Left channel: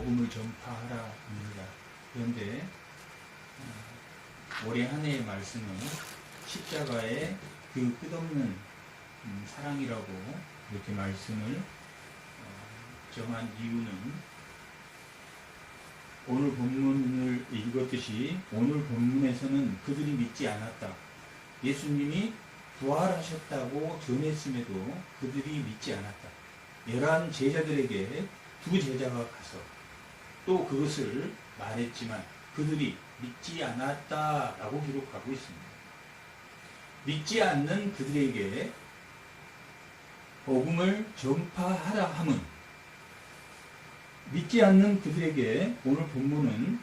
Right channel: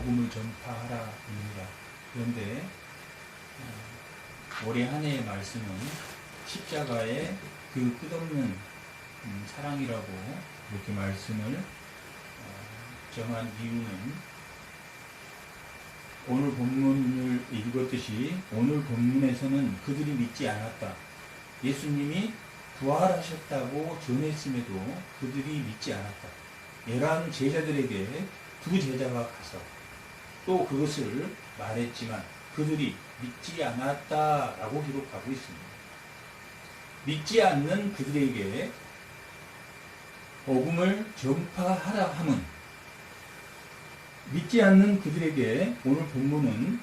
복음을 전파하라입니다. 그런데 올해 한 해의 말씀은 십자가의 그 끝없는 사랑이라고 이렇게 말씀을 정한 이유는 오늘 본문을 읽었듯이 오늘 본문에서는 그들이 믿지 않았다. 예수님이 부활하셨다고 전했음에도 그들이 믿지 않았다. 11 제자들에게 2 제자가 가서 또 그것을 말했지만 그들이 믿지 않았다라고 기록하고 있습니다. 믿지 않는 그들에게 복음을 전파하라 함은 믿지 않는 그들에게 오늘 본문은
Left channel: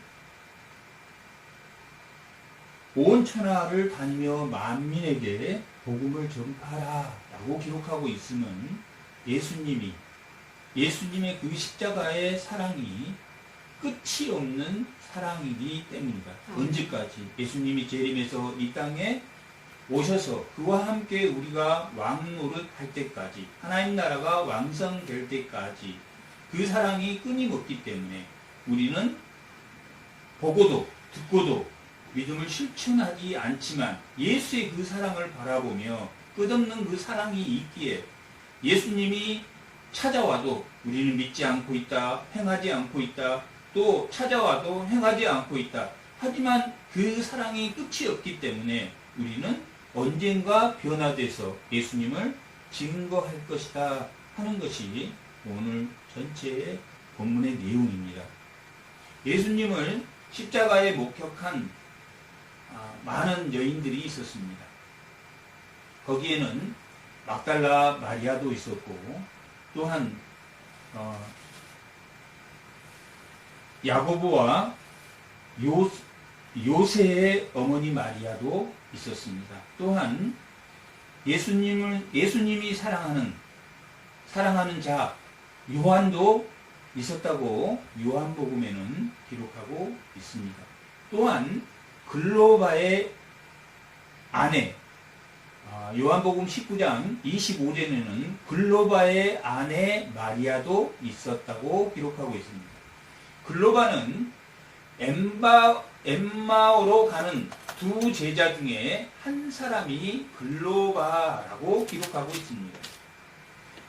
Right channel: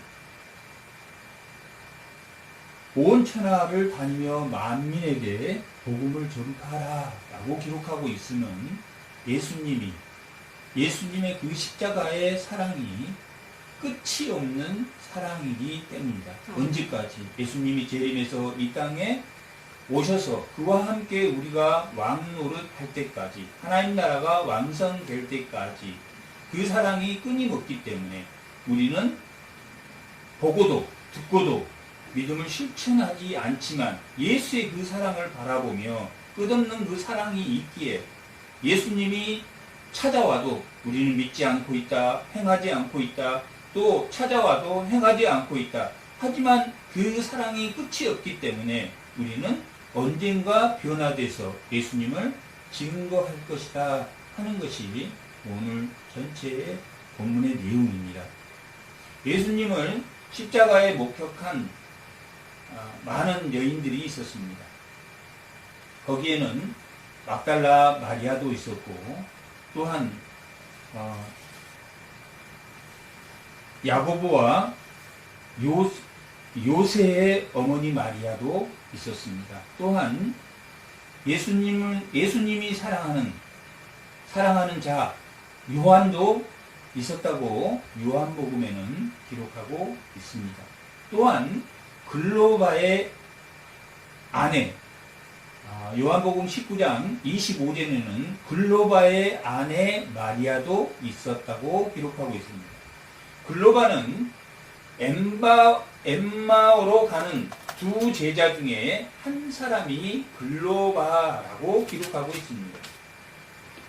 온 천하를 다니며 만민에게 복음을 전파하라 라고 기록하고 있으면 예수님의 그 십자가의 사랑이 끝이 없는 사랑이기 때문이다. 언제까지? 예수님이 재림해서 이 땅에 오셔서 그와 함께 우리가 왕노릇할 때까지, 하나님 나라가 완성될 때까지 그 사랑이 끊임없기 때문에 우리는 보고도 듣고도 믿음을 실천하지 않지만 예수의 그 사랑을 바라보며 끝없는 그 사랑이 있기에 예수님이 찾아와도 우리는 믿지 않고 있다, 행하지 않고 있다, 또 찾아와도 행하지 않고 있다. 하지만 그 사랑이 끝이 없기 때문에 우리는 언젠가 변화돼서 예수님을 증거할 것이다 하는 것이 오늘 전체의 본문의 내용입니다. 예수님을 십자가에 목격한 많은 여인들이 있었습니다. 거기에는 막달라 마리아도 있었고 또한 야고보와 요새의 어머니 마리아도 있었습니다. 또한 예수님이 사랑하는 자 요한도 있었다고 요한복음에는 기록하고 있습니다. 또한 글로바의 아내, 요한복음 19장 25절에는 글로바의 아내 마리아도 있었다고 기록하고 있습니다. 글로바는 엠마오로 가는 2 제자 중에 한 사람이 글로바라고 기록하고 있습니다.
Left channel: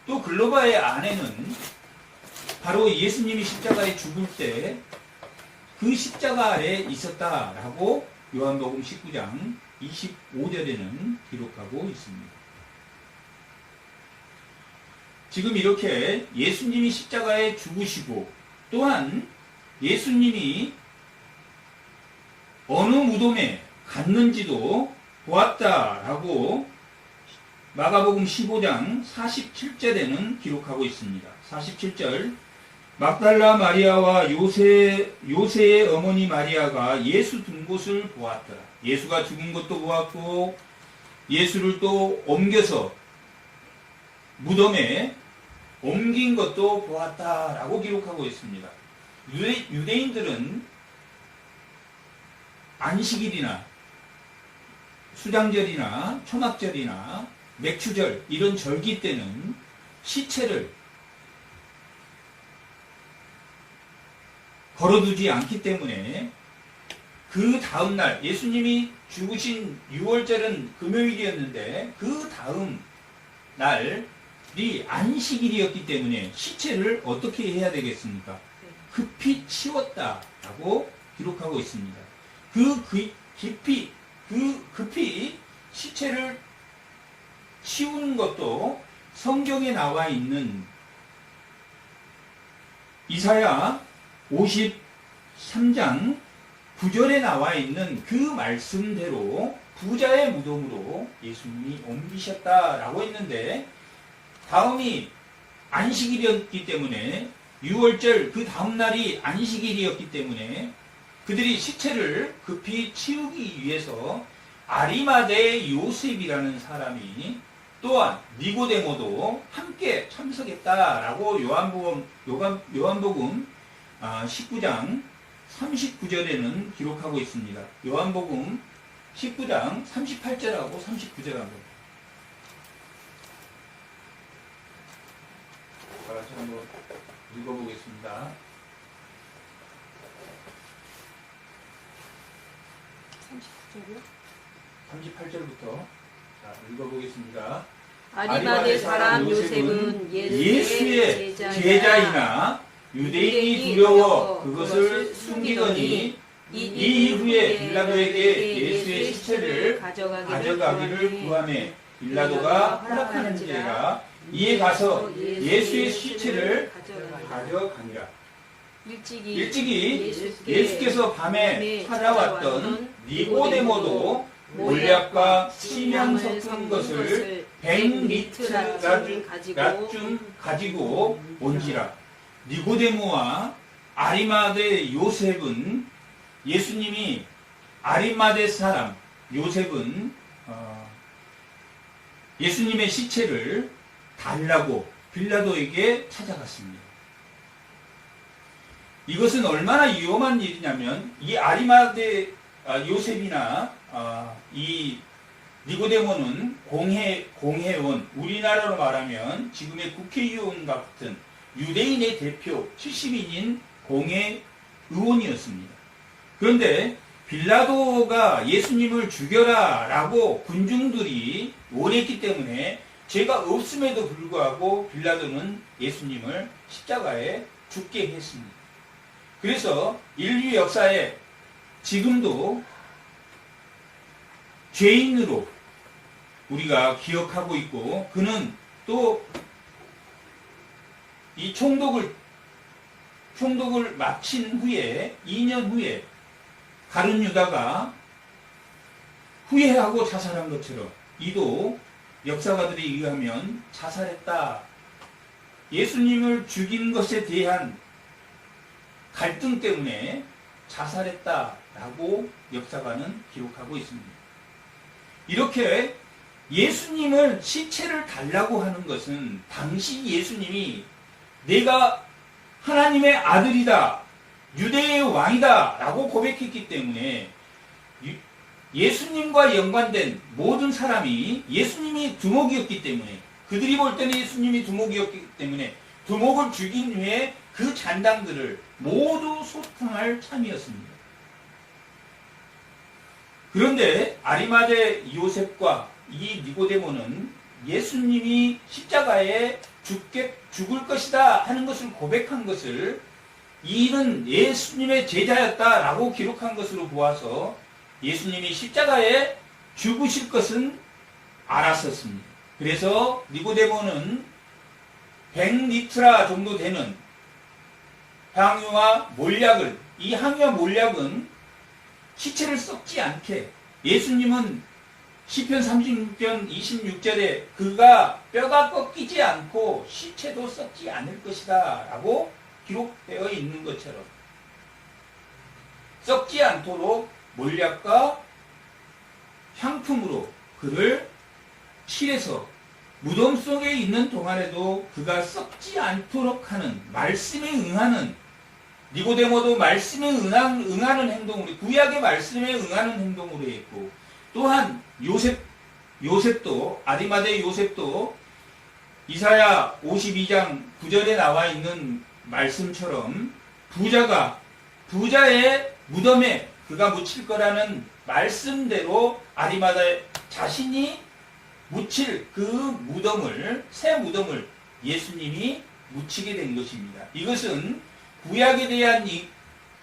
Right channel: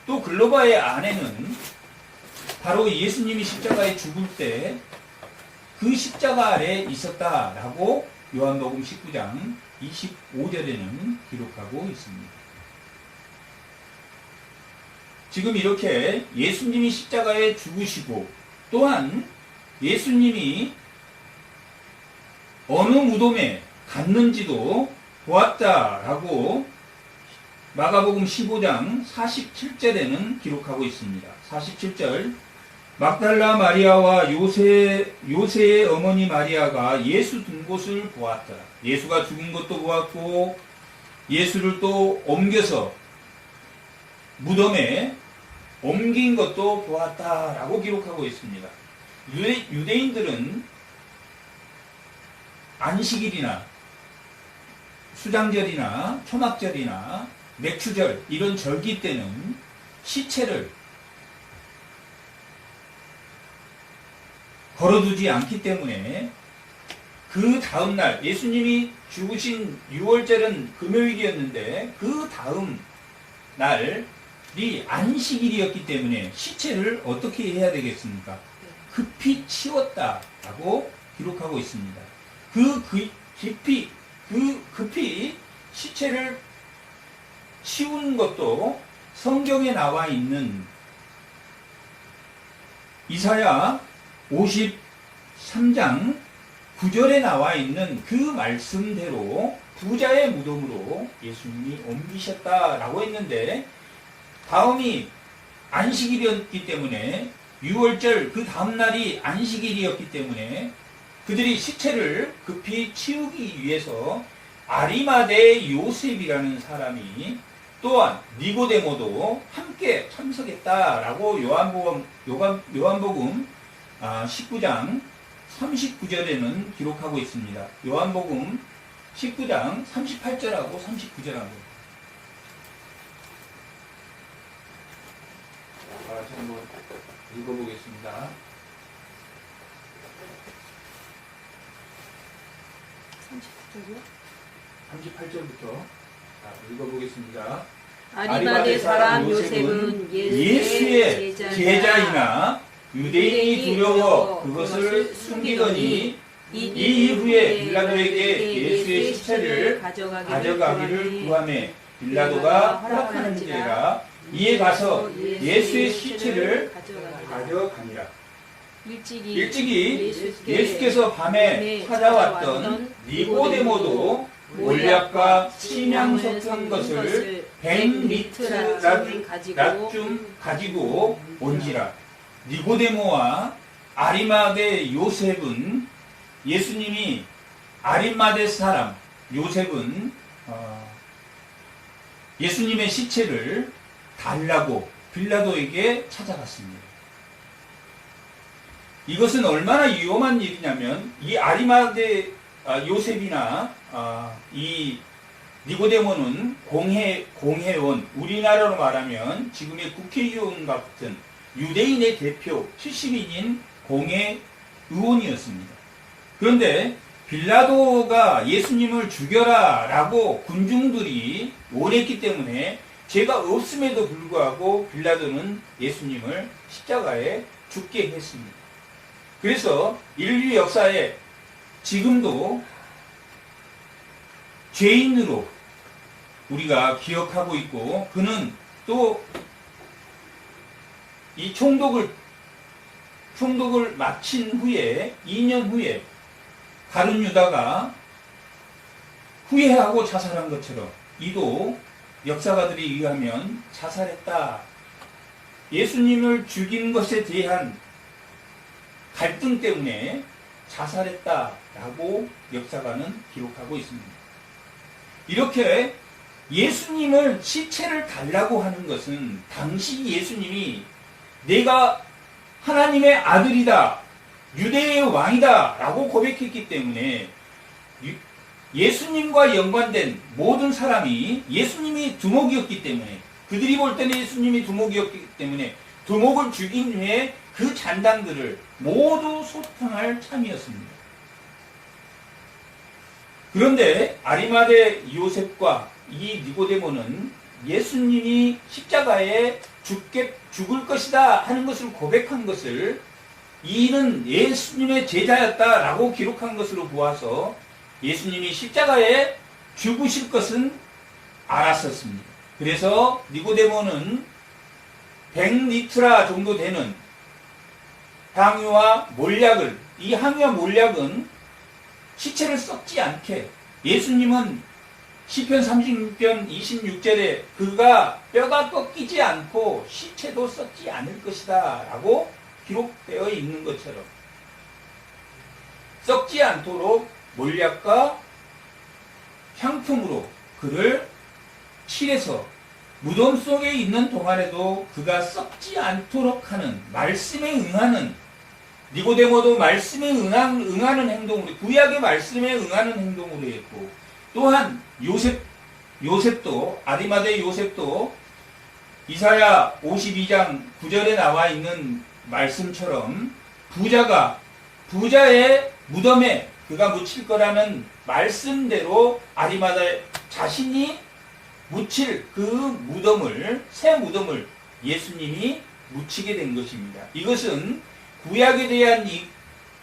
또 글로바의 아내는 바로 예수님이 십자가에 죽을 때 그 십자가 아래 있었다라고 요한복음 19장 25절에는 기록하고 있습니다. 지금 이렇게 예수님이 십자가에 죽으시고 또한 예수님이 어느 무덤에 갔는지도 보았다라고 마가복음 15장 47절에는 기록하고 있습니다. 47절 막달라 마리아와 요새의 어머니 마리아가 예수 둔 곳을 보았다. 예수가 죽은 것도 보았고 예수를 또 옮겨서 무덤에 옮긴 것도 보았다라고 기록하고 있습니다. 유대인들은 안식일이나 수장절이나 초막절이나 맥추절 이런 절기 때는 시체를 걸어두지 않기 때문에 그 다음날 예수님이 죽으신 6월절은 금요일이었는데 그 다음 날이 안식일이었기 때문에 시체를 어떻게 해야 되겠습니까? 급히 치웠다라고 기록하고 있습니다. 급히 시체를 치우는 것도 성경에 나와 있는 이사야 53장 9절에 나와 있는 그 말씀대로 부자의 무덤으로 예수님이 옮기셨다라고 했는데 다음이 안식일이었기 때문에 6월절 그 다음날이 안식일이었기 때문에 그들이 시체를 급히 치우기 위해서 아리마대의 요셉이라는 사람이 또한 니고데모도 함께 참석했다라고 요한복음 19장 39절에는 기록하고 있습니다. 요한복음 19장 38절하고 39절하고 다시 한번 읽어보겠습니다. 39절이요? 38절부터 읽어보겠습니다. 아리마대 사람 요셉은 예수의 제자이나 유대인이 두려워 그것을 숨기더니 이 이후에 빌라도에게 예수의 시체를 가져가기를 구하매 빌라도가 허락하는지라 이에 가서 예수의 시체를 가져가니라. 일찍이 예수께서 밤에 찾아왔던 니고데모도 몰약과 심양 섞은 것을 100리트라쯤 가지고 온지라. 니고데모와 아리마대 요셉은 예수님이 아리마대 사람 요셉은 예수님의 시체를 달라고 빌라도에게 찾아갔습니다. 이것은 얼마나 위험한 일이냐면 이 아리마대 요셉이나 이 니고데모는 공회원, 우리나라로 말하면 지금의 국회의원 같은 유대인의 대표 70인인 공회의원이었습니다. 그런데 빌라도가 예수님을 죽여라 라고 군중들이 원했기 때문에 죄가 없음에도 불구하고 빌라도는 예수님을 십자가에 죽게 했습니다. 그래서 인류 역사에 지금도 죄인으로 우리가 기억하고 있고, 그는 또 이 총독을 마친 후에 2년 후에 가룟 유다가 후회하고 자살한 것처럼 이도 역사가들에 의하면 자살했다. 예수님을 죽인 것에 대한 갈등 때문에 자살했다라고 역사가는 기록하고 있습니다. 이렇게 예수님을 시체를 달라고 하는 것은 당시 예수님이 내가 하나님의 아들이다, 유대의 왕이다 라고 고백했기 때문에 예수님과 연관된 모든 사람이 예수님이 두목이었기 때문에, 그들이 볼 때는 예수님이 두목이었기 때문에 두목을 죽인 후에 그 잔당들을 모두 소탕할 참이었습니다. 그런데 아리마대 요셉과 이 니고데모는 예수님이 십자가에 죽을 것이다 하는 것을 고백한 것을, 이는 예수님의 제자였다라고 기록한 것으로 보아서 예수님이 십자가에 죽으실 것은 알았었습니다. 그래서 니고데모는 100리트라 정도 되는 향유와 몰약을, 이 향유와 몰약은 시체를 썩지 않게, 예수님은 시편 36편 26절에 그가 뼈가 꺾이지 않고 시체도 썩지 않을 것이다 라고 기록되어 있는 것처럼 썩지 않도록 몰약과 향품으로 그를 칠해서 무덤 속에 있는 동안에도 그가 썩지 않도록 하는, 말씀에 응하는, 니고데모도 말씀에 응하는 행동으로, 구약의 말씀에 응하는 행동으로 했고, 또한 요셉도, 아리마대 요셉도 이사야 52장 9절에 나와 있는 말씀처럼 부자의 무덤에 그가 묻힐 거라는 말씀대로 아리마대 자신이 묻힐 그 무덤을, 새 무덤을 예수님이 묻히게 된 것입니다. 이것은 구약에 대한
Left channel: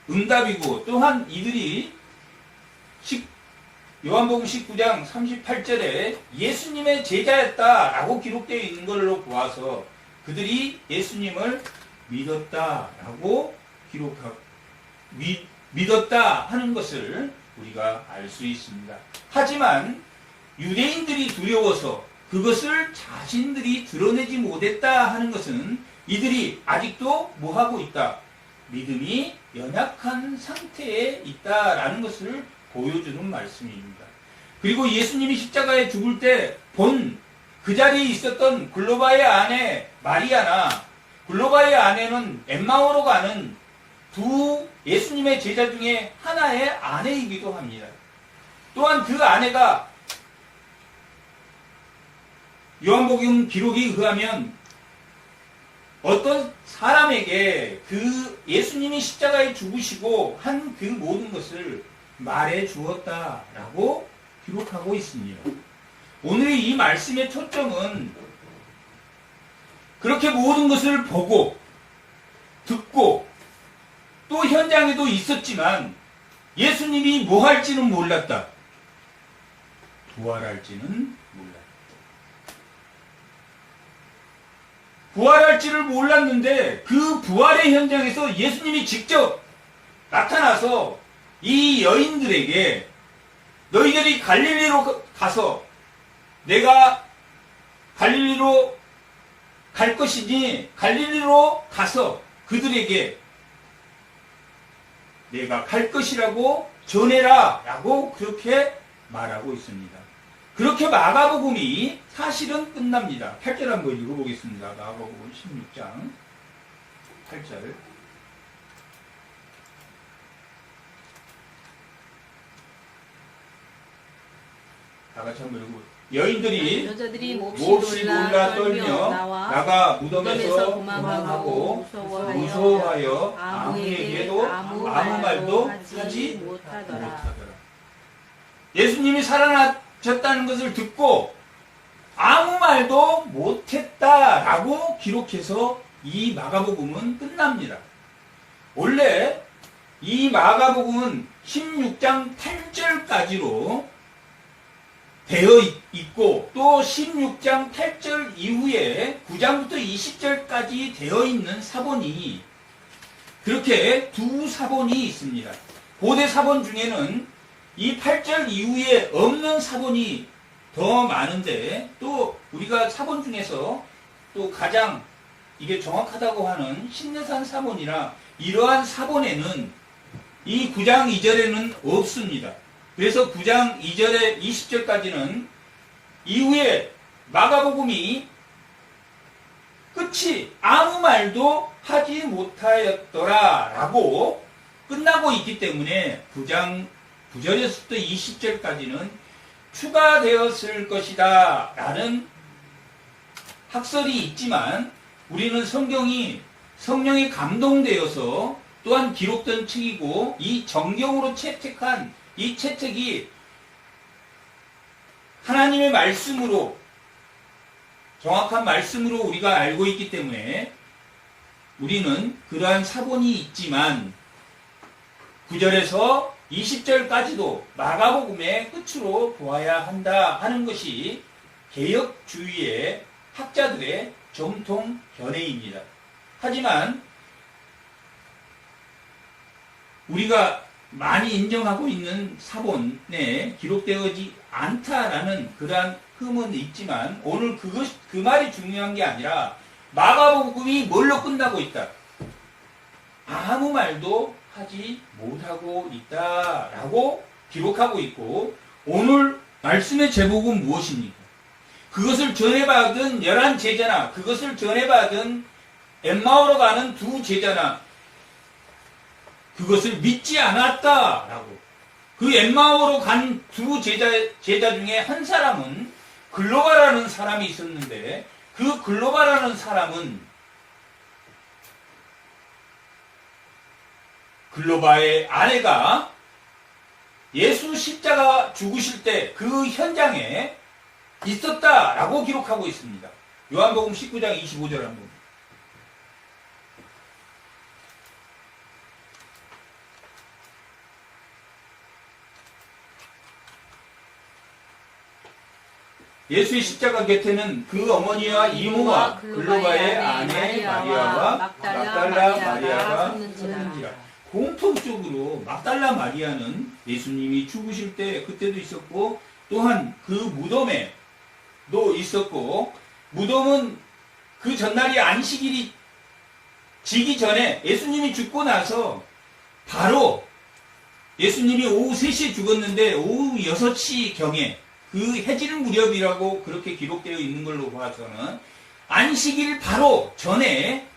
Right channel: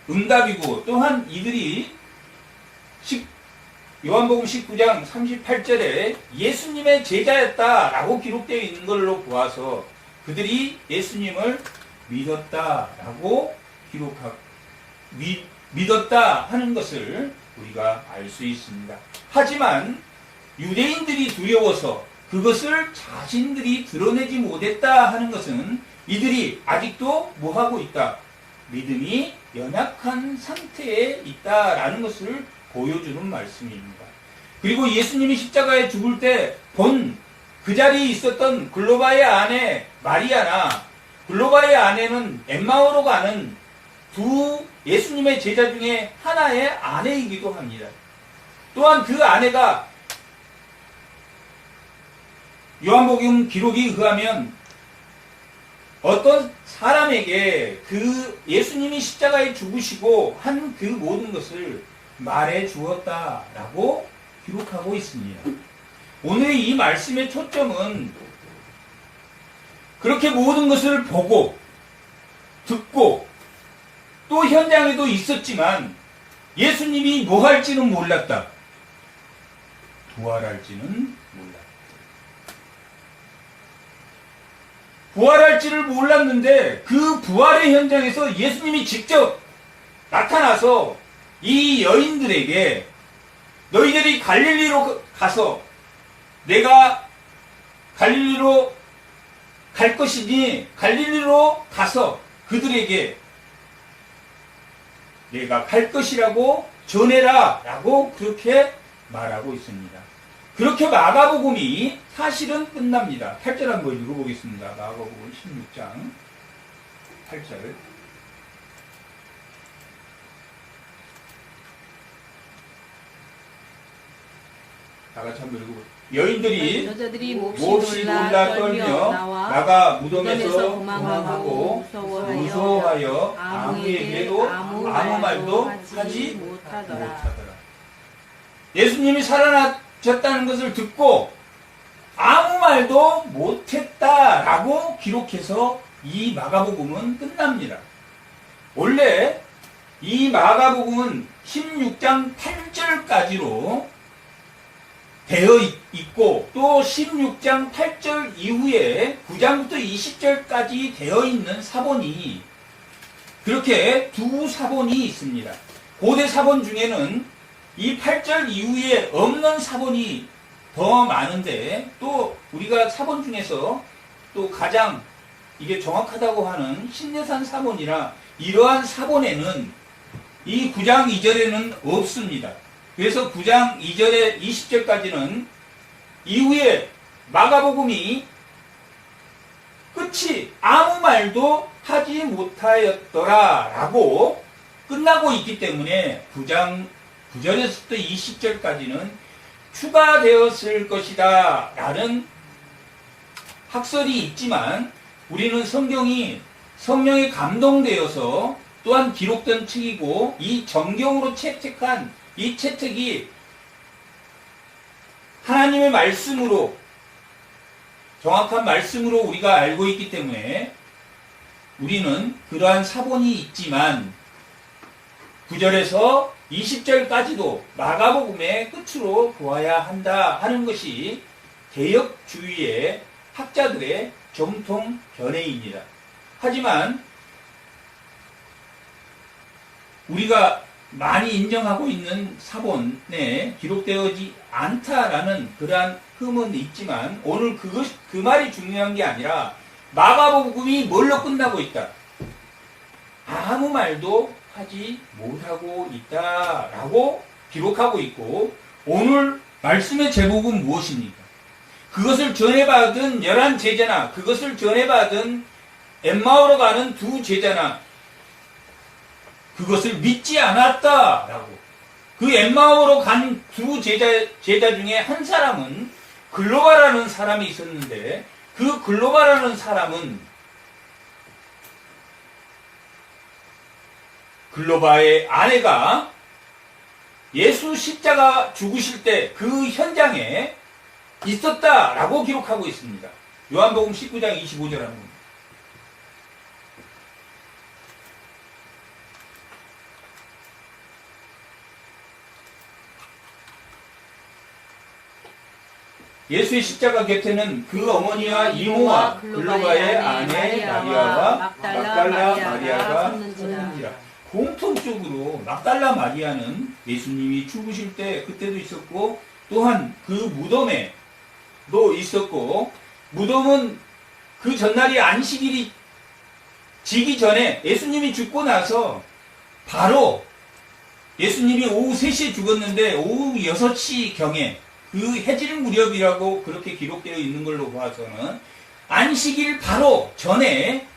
응답이고, 또한 이들이 요한복음 19장 38절에 예수님의 제자였다라고 기록되어 있는 걸로 보아서 그들이 예수님을 믿었다라고 믿었다 하는 것을 우리가 알 수 있습니다. 하지만 유대인들이 두려워서 그것을 자신들이 드러내지 못했다 하는 것은 이들이 아직도 뭐하고 있다? 믿음이 연약한 상태에 있다라는 것을 보여주는 말씀입니다. 그리고 예수님이 십자가에 죽을 때 본 그 자리에 있었던 글로바의 아내 마리아나, 글로바의 아내는 엠마오로 가는 두 예수님의 제자 중에 하나의 아내이기도 합니다. 또한 그 아내가 요한복음 기록에 의하면 어떤 사람에게 그 예수님이 십자가에 죽으시고 한 그 모든 것을 말해 주었다라고 기록하고 있습니다. 오늘의 이 말씀의 초점은 그렇게 모든 것을 보고 듣고 또 현장에도 있었지만 예수님이 뭐 할지는 몰랐다. 부활할지는 몰랐다. 부활할지를 몰랐는데 그 부활의 현장에서 예수님이 직접 나타나서 이 여인들에게 너희들이 갈릴리로 가서 내가 갈릴리로 갈 것이니 갈릴리로 가서 그들에게 내가 갈 것이라고 전해라 라고 그렇게 말하고 있습니다. 그렇게 마가복음이 사실은 끝납니다. 8절 한번 읽어보겠습니다. 마가복음 16장 8절. 다 같이 한번 읽어볼게요. 여인들이 몹시 놀라 떨며 나가 무덤에서 도망하고 무서워하여 아무에게도 아무 말도 하지 못하더라. 예수님이 살아나셨다는 것을 듣고 아무 말도 못했다라고 기록해서 이 마가복음은 끝납니다. 원래 이 마가복음은 16장 8절까지로 되어 있고 또 16장 8절 이후에 9장부터 20절까지 되어 있는 사본이 그렇게 두 사본이 있습니다. 고대 사본 중에는 이 8절 이후에 없는 사본이 더 많은데 또 우리가 사본 중에서 또 가장 이게 정확하다고 하는 신내산 사본이라 이러한 사본에는 이 9장 2절에는 없습니다. 그래서 9장 2절에 20절까지는 이후에 마가복음이 끝이 아무 말도 하지 못하였더라 라고 끝나고 있기 때문에 9장 9절에서부터 20절까지는 추가되었을 것이다 라는 학설이 있지만 우리는 성경이 성령에 감동되어서 또한 기록된 책이고 이 정경으로 채택한 이 채택이 하나님의 말씀으로 정확한 말씀으로 우리가 알고 있기 때문에 우리는 그러한 사본이 있지만 9절에서 20절까지도 마가복음의 끝으로 보아야 한다 하는 것이 개혁주의의 학자들의 정통 견해입니다. 하지만 우리가 많이 인정하고 있는 사본에 기록되어지 않다라는 그러한 흠은 있지만 오늘 그 말이 중요한 게 아니라 마가복음이 뭘로 끝나고 있다. 아무 말도 하지 못하고 있다라고 기록하고 있고 오늘 말씀의 제목은 무엇입니까? 그것을 전해받은 11제자나 그것을 전해받은 엠마오로 가는 두 제자나 그것을 믿지 않았다라고. 그 엠마오로 간 두 제자 중에 한 사람은 글로바라는 사람이 있었는데 그 글로바라는 사람은 글로바의 아내가 예수 십자가 죽으실 때 그 현장에 있었다라고 기록하고 있습니다. 요한복음 19장 25절 한번. 예수의 십자가 곁에는 그 어머니와 이모와 글로바의 아내 마리아와 막달라 마리아가 섰는지라. 공통적으로 막달라 마리아는 예수님이 죽으실 때 그때도 있었고 또한 그 무덤에도 있었고 무덤은 그 전날이 안식일이 지기 전에 예수님이 죽고 나서 바로 예수님이 오후 3시에 죽었는데 오후 6시 경에 그 해질 무렵이라고 그렇게 기록되어 있는 걸로 봐서는 안식일 바로 전에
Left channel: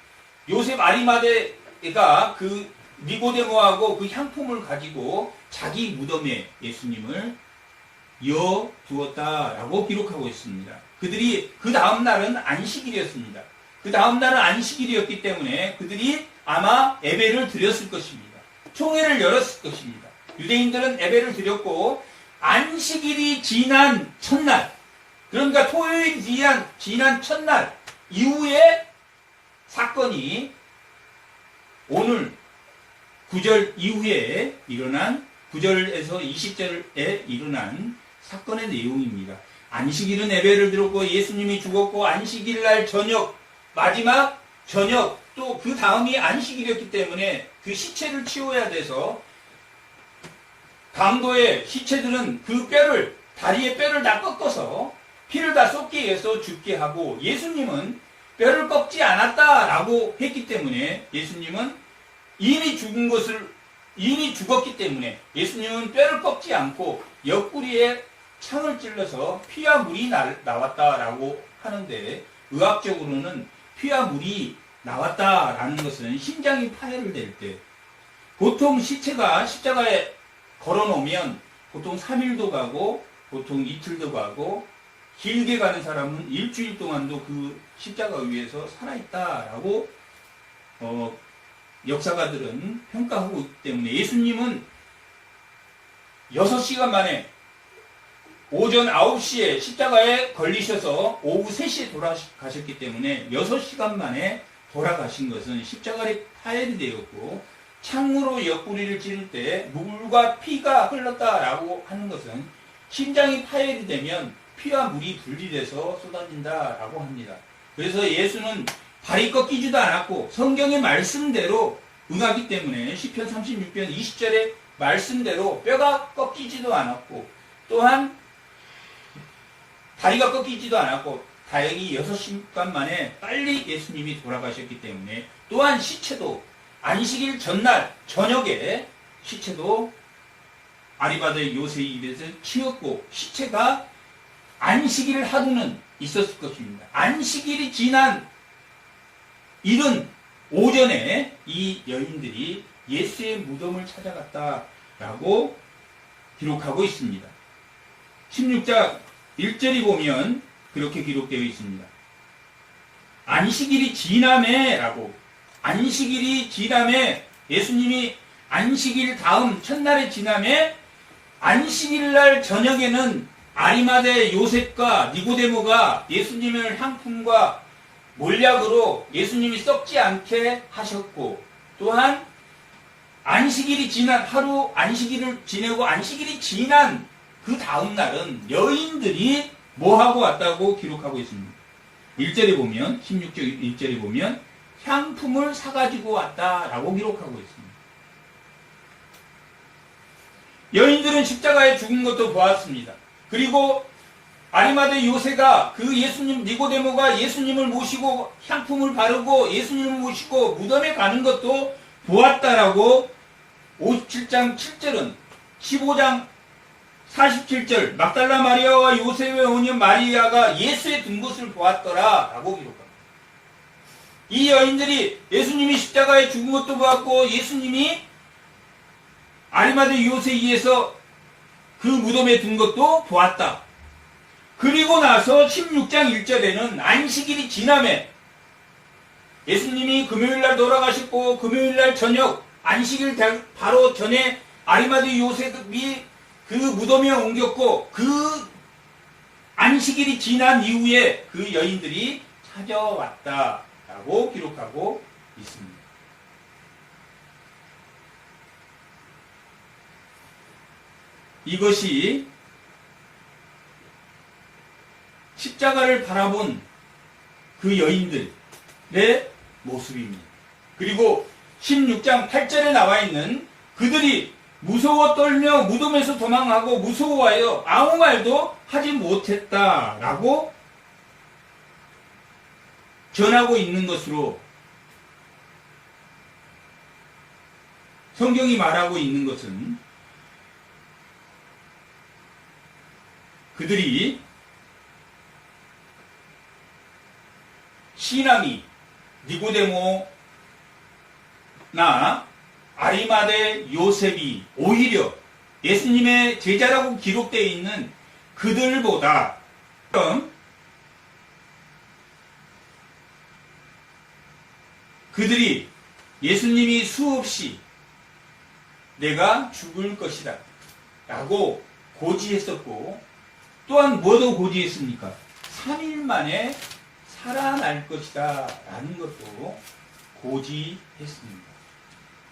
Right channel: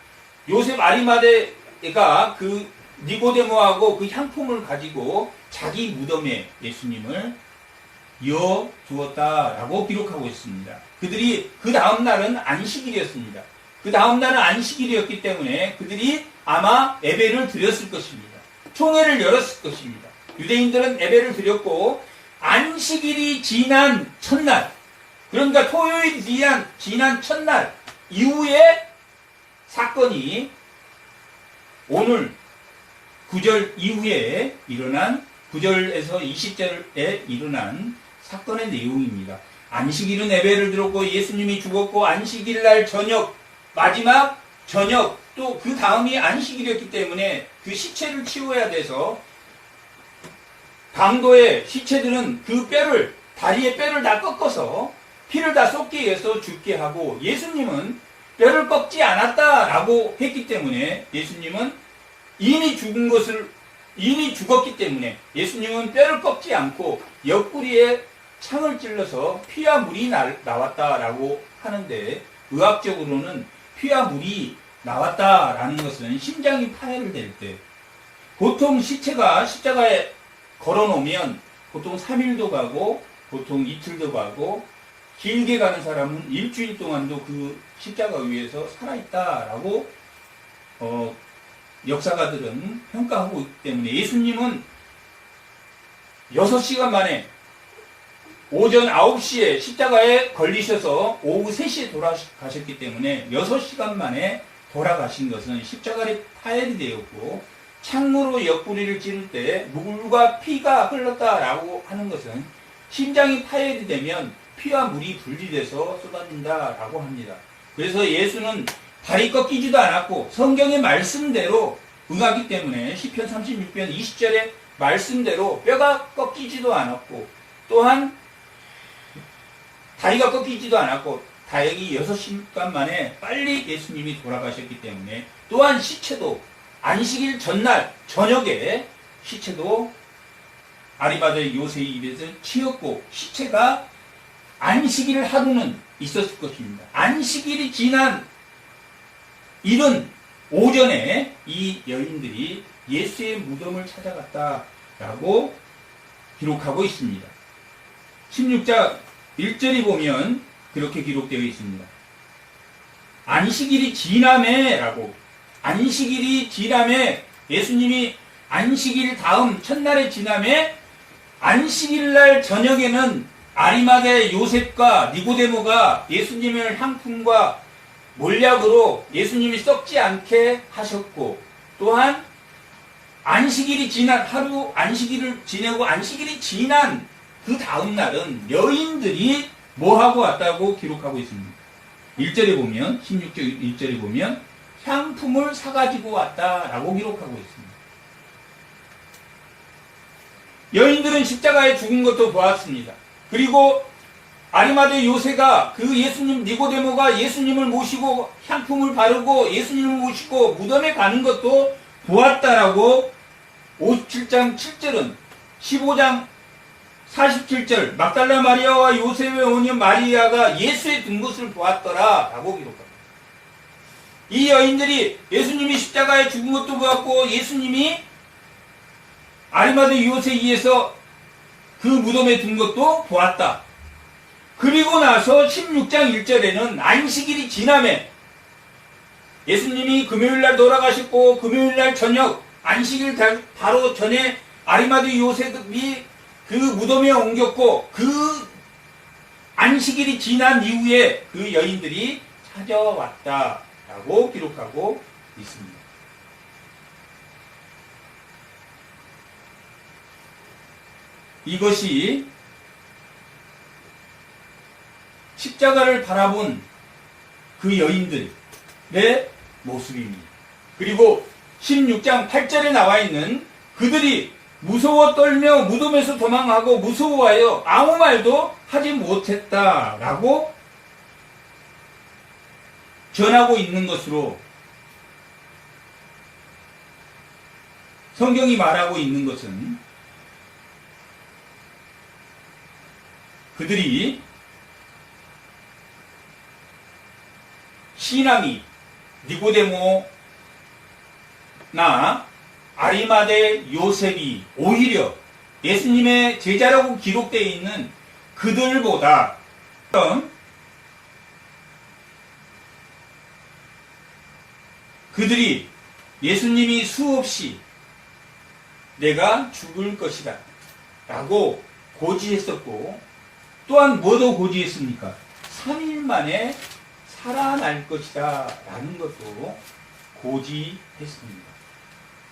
요셉 아리마대가 그 니고데모하고 그 향품을 가지고 자기 무덤에 예수님을 이어 두었다라고 기록하고 있습니다. 그들이 그 다음 날은 안식일이었습니다. 그 다음 날은 안식일이었기 때문에 그들이 아마 예배를 드렸을 것입니다. 총회를 열었을 것입니다. 유대인들은 예배를 드렸고 안식일이 지난 첫날, 그러니까 토요일이 지난 첫날 이후에 사건이 오늘 9절 이후에 일어난 9절에서 20절에 일어난 사건의 내용입니다. 안식일은 예배를 드렸고 예수님이 죽었고 안식일 날 저녁, 마지막 저녁, 또 그 다음이 안식일이었기 때문에 그 시체를 치워야 돼서 강도의 시체들은 그 뼈를, 다리의 뼈를 다 꺾어서 피를 다 쏟게 해서 죽게 하고, 예수님은 뼈를 꺾지 않았다라고 했기 때문에 예수님은 이미 죽었기 때문에 예수님은 뼈를 꺾지 않고 옆구리에 창을 찔러서 피와 물이 나왔다라고 하는데, 의학적으로는 피와 물이 나왔다라는 것은 심장이 파열을 될 때, 보통 시체가 십자가에 걸어놓으면 보통 3일도 가고 보통 이틀도 가고 길게 가는 사람은 일주일 동안도 그 십자가 위에서 살아있다라고 역사가들은 평가하고 있기 때문에, 예수님은 6시간 만에 오전 9시에 십자가에 걸리셔서 오후 3시에 돌아가셨기 때문에 6시간 만에 돌아가신 것은 십자가에 파열이 되었고, 창으로 옆구리를 찌를 때 물과 피가 흘렀다라고 하는 것은 심장이 파열이 되면 피와 물이 분리돼서 쏟아진다라고 합니다. 그래서 예수는 발이 꺾이지도 않았고 성경의 말씀대로 응하기 때문에 시편 36편 20절의 말씀대로 뼈가 꺾이지도 않았고 또한 다리가 꺾이지도 않았고, 다행히 6시간 만에 빨리 예수님이 돌아가셨기 때문에, 또한 시체도 안식일 전날 저녁에 시체도 아리마대 요셉의 입에서 치웠고, 시체가 안식일 하루는 있었을 것입니다. 안식일이 지난 이른 오전에 이 여인들이 예수의 무덤을 찾아갔다라고 기록하고 있습니다. 16장 1절이 보면 그렇게 기록되어 있습니다. 안식일이 지남에라고, 안식일이 지남에, 예수님이 안식일 다음 첫날에 지남에, 안식일 날 저녁에는 아리마대 요셉과 니고데모가 예수님을 향품과 몰약으로 예수님이 썩지 않게 하셨고, 또한 안식일이 지난 하루 안식일을 지내고 안식일이 지난 그 다음 날은 여인들이 뭐하고 왔다고 기록하고 있습니다. 1절에 보면, 16절 1절에 보면 향품을 사가지고 왔다라고 기록하고 있습니다. 여인들은 십자가에 죽은 것도 보았습니다. 그리고 아리마대 요새가 그 예수님, 니고데모가 예수님을 모시고 향품을 바르고 예수님을 모시고 무덤에 가는 것도 보았다라고 57장 7절은 15장 47절 막달라 마리아와 요셉의 어머니 마리아가 예수의 든 것을 보았더라 라고 기록합니다. 이 여인들이 예수님이 십자가에 죽은 것도 보았고 예수님이 아리마대 요셉에서 그 무덤에 든 것도 보았다. 그리고 나서 16장 1절에는 안식일이 지남에 예수님이 금요일날 돌아가셨고 금요일날 저녁 안식일 바로 전에 아리마대 요셉이 그 무덤에 옮겼고 그 안식일이 지난 이후에 그 여인들이 찾아왔다라고 기록하고 있습니다. 이것이 십자가를 바라본 그 여인들의 모습입니다. 그리고 16장 8절에 나와 있는 그들이 무서워 떨며 무덤에서 도망하고 무서워하여 아무 말도 하지 못했다라고 전하고 있는 것으로 성경이 말하고 있는 것은 그들이 신앙이 니고데모나 아리마대 요셉이 오히려 예수님의 제자라고 기록되어 있는 그들보다 그들이 예수님이 수없이 내가 죽을 것이다 라고 고지했었고, 또한 뭐도 고지했습니까? 3일 만에 살아날 것이다 라는 것도 고지했습니다.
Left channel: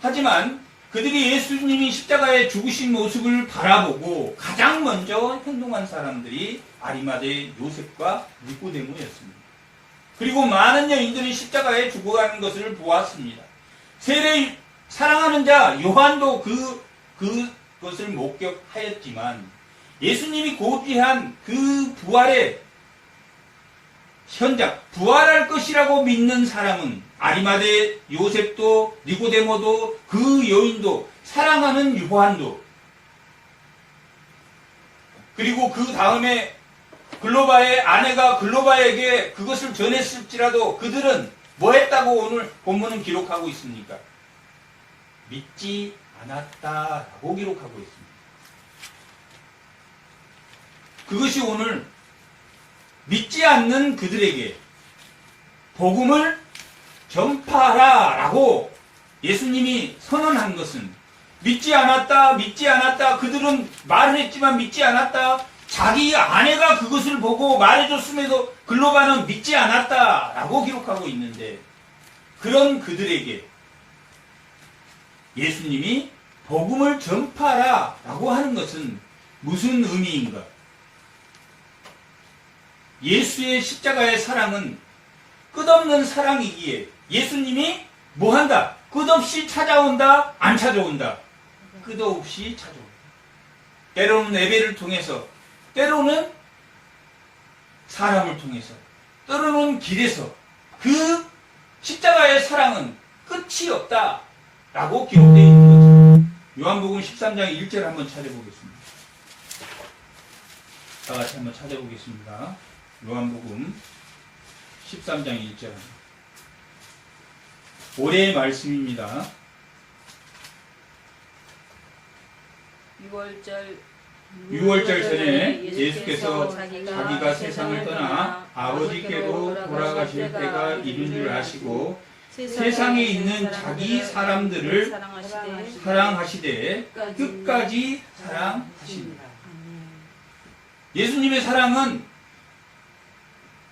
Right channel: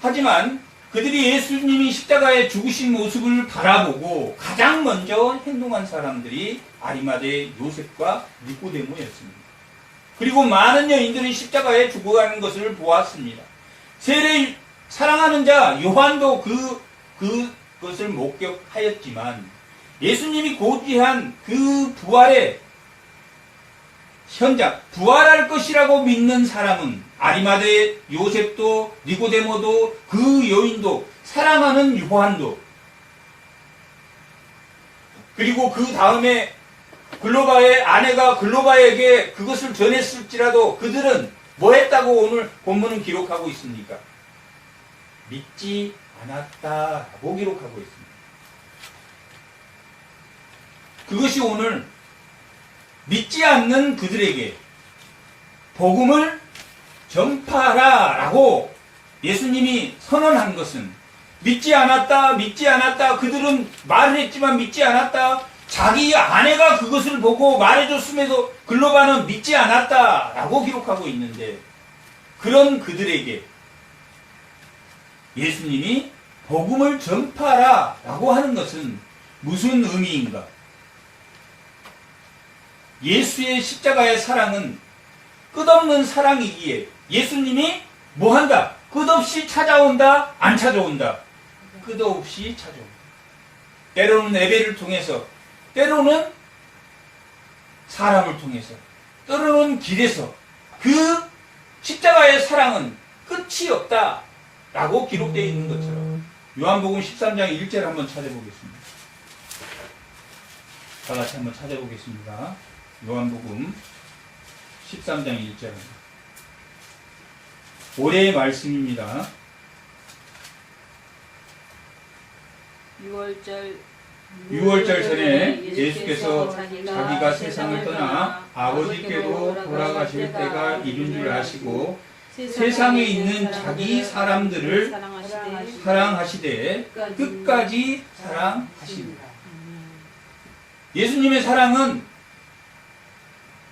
하지만 그들이 예수님이 십자가에 죽으신 모습을 바라보고 가장 먼저 행동한 사람들이 아리마대 요셉과 니고데모였습니다. 그리고 많은 여인들이 십자가에 죽어가는 것을 보았습니다. 세례 사랑하는 자 요한도 그것을 목격하였지만, 예수님이 고지한 그 부활의 현장, 부활할 것이라고 믿는 사람은 아리마대 요셉도 니고데모도 그 여인도 사랑하는 요한도, 그리고 그 다음에 글로바의 아내가 글로바에게 그것을 전했을지라도 그들은 뭐 했다고 오늘 본문은 기록하고 있습니까? 믿지 않았다라고 기록하고 있습니다. 그것이 오늘 믿지 않는 그들에게 복음을 전파하라라고 예수님이 선언한 것은, 믿지 않았다, 그들은 말을 했지만 믿지 않았다, 자기 아내가 그것을 보고 말해줬음에도 글로바는 믿지 않았다라고 기록하고 있는데, 그런 그들에게 예수님이 복음을 전파하라라고 하는 것은 무슨 의미인가? 예수의 십자가의 사랑은 끝없는 사랑이기에 예수님이 뭐한다? 끝없이 찾아온다? 안 찾아온다? 끝없이 찾아온다. 때로는 예배를 통해서, 때로는 사람을 통해서, 때로는 길에서 그 십자가의 사랑은 끝이 없다 라고 기록되어 있는 것처럼, 요한복음 13장 1절 한번 찾아보겠습니다. 다 같이 한번 찾아보겠습니다. 요한복음 13장 1절. 올해의 말씀입니다. 6월절 전에 예수께서 자기가 세상을 떠나 아버지께로 돌아가실 때가 이른 줄 아시고 세상에 있는 자기 사람들을 사랑하시되 끝까지 사랑하십니다. 예수님의 사랑은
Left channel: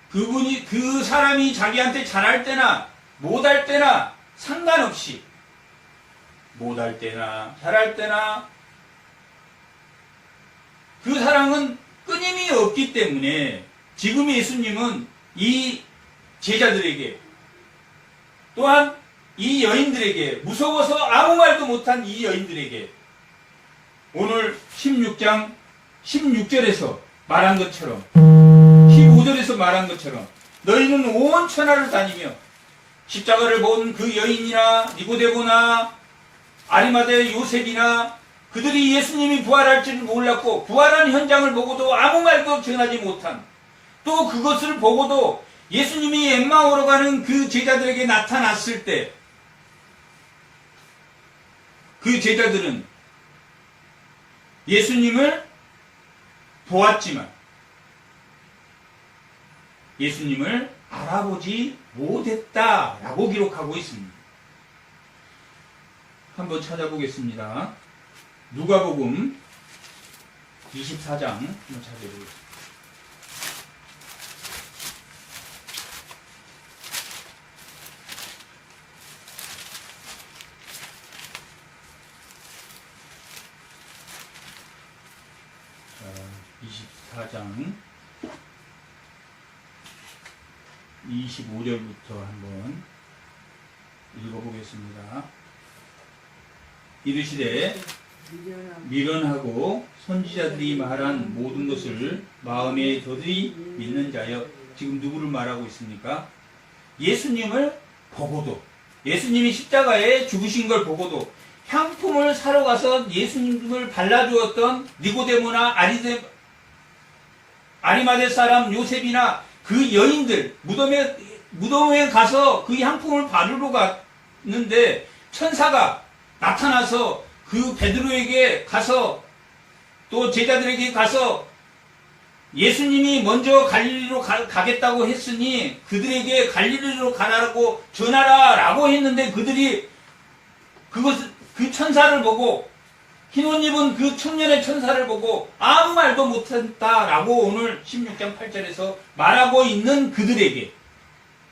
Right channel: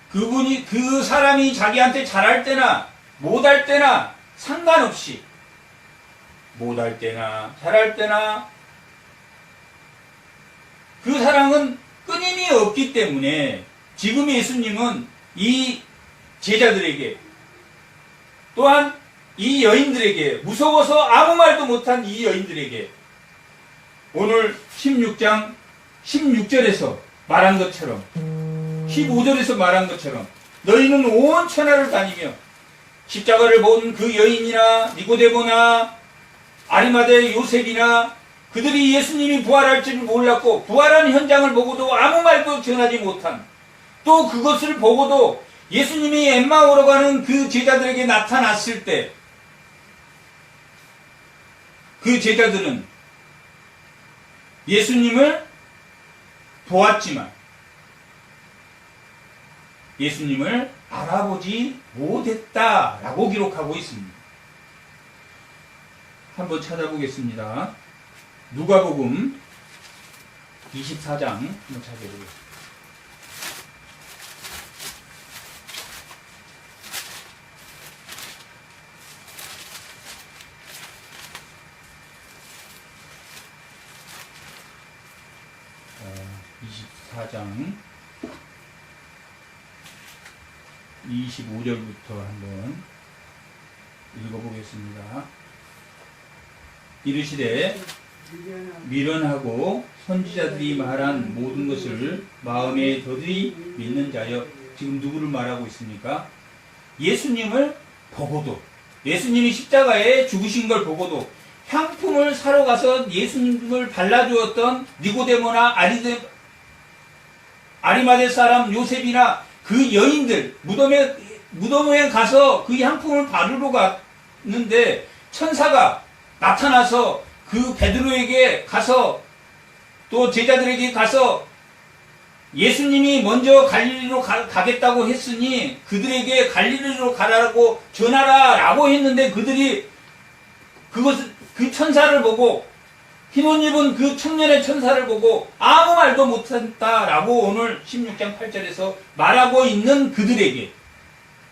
그 사람이 자기한테 잘할 때나 못할 때나 상관없이, 못할 때나 잘할 때나 그 사랑은 끊임이 없기 때문에 지금 예수님은 이 제자들에게, 또한 이 여인들에게, 무서워서 아무 말도 못한 이 여인들에게 오늘 16장 16절에서 말한 것처럼, 15절에서 말한 것처럼, 너희는 온 천하를 다니며 십자가를 본 그 여인이나 니고데모나 아리마대 요셉이나 그들이 예수님이 부활할 줄 몰랐고 부활한 현장을 보고도 아무 말도 전하지 못한, 또 그것을 보고도 예수님이 엠마오로 가는 그 제자들에게 나타났을 때 그 제자들은 예수님을 보았지만 예수님을 알아보지 못했다라고 기록하고 있습니다. 한번 찾아보겠습니다. 누가복음 24장 한번 찾아보겠습니다. 장 25절부터 한번 읽어보겠습니다. 이르시되 미련하고 선지자들이 말한 모든 것을 마음에 더디 믿는 자여. 지금 누구를 말하고 있습니까? 예수님을 보고도, 예수님이 십자가에 죽으신 걸 보고도 향품을 사러 가서 예수님을 발라주었던 니고데모나 아리마대 사람 요셉이나 그 여인들, 무덤에 가서 그 향품을 바르러 갔는데 천사가 나타나서 그 베드로에게 가서, 또 제자들에게 가서 예수님이 먼저 갈릴리로 가겠다고 했으니 그들에게 갈릴리로 가라고 전하라 라고 했는데, 그들이 그 천사를 보고 흰 옷 입은 그 청년의 천사를 보고 아무 말도 못했다라고 오늘 16장 8절에서 말하고 있는 그들에게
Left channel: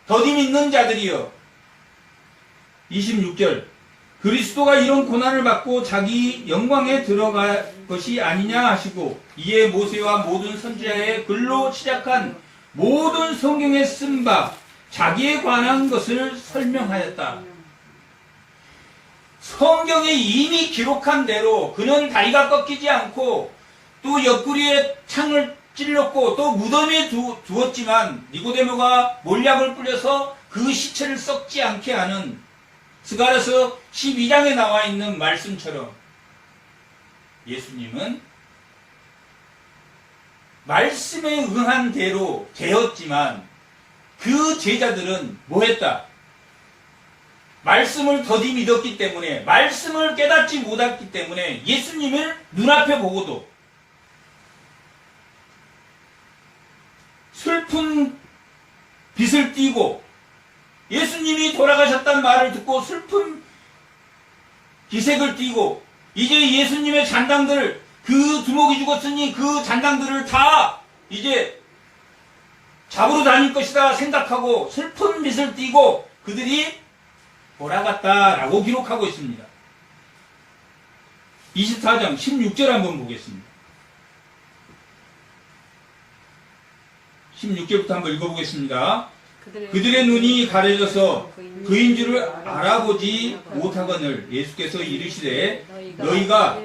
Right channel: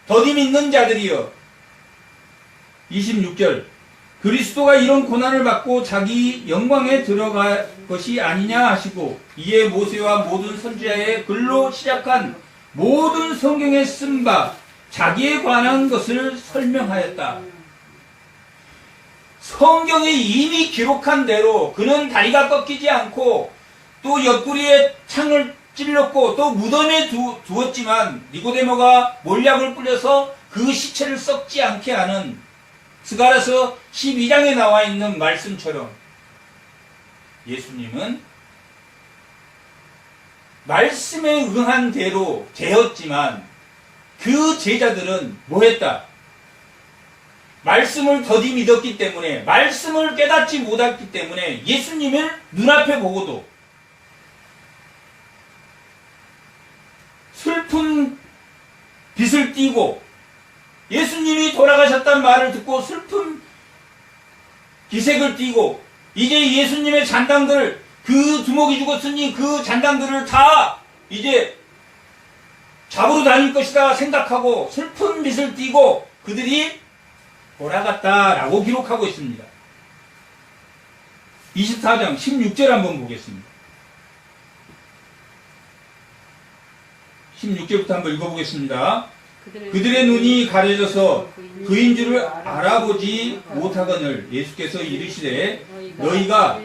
더디 믿는 자들이여 26절 그리스도가 이런 고난을 받고 자기 영광에 들어갈 것이 아니냐 하시고 이에 모세와 모든 선지자의 글로 시작한 모든 성경에 쓴 바 자기에 관한 것을 설명하였다. 성경에 이미 기록한 대로 그는 다리가 꺾이지 않고 또 옆구리에 창을 찔렀고 또 무덤에 두었지만 니고데모가 몰약을 뿌려서 그 시체를 썩지 않게 하는 스가랴서 12장에 나와 있는 말씀처럼 예수님은 말씀에 응한 대로 되었지만 그 제자들은 뭐했다? 말씀을 더디 믿었기 때문에 말씀을 깨닫지 못했기 때문에 예수님을 눈앞에 보고도 슬픈 빛을 띠고 예수님이 돌아가셨다는 말을 듣고 슬픈 기색을 띠고 이제 예수님의 잔당들 그 두목이 죽었으니 그 잔당들을 다 이제 잡으러 다닐 것이다 생각하고 슬픈 빛을 띠고 그들이 돌아갔다라고 기록하고 있습니다. 24장 16절 한번 보겠습니다. 16절부터 한번 읽어보겠습니다. 그들의 눈이 가려져서 그인 줄을 알아보지 못하거늘 예수께서 이르시되 너희가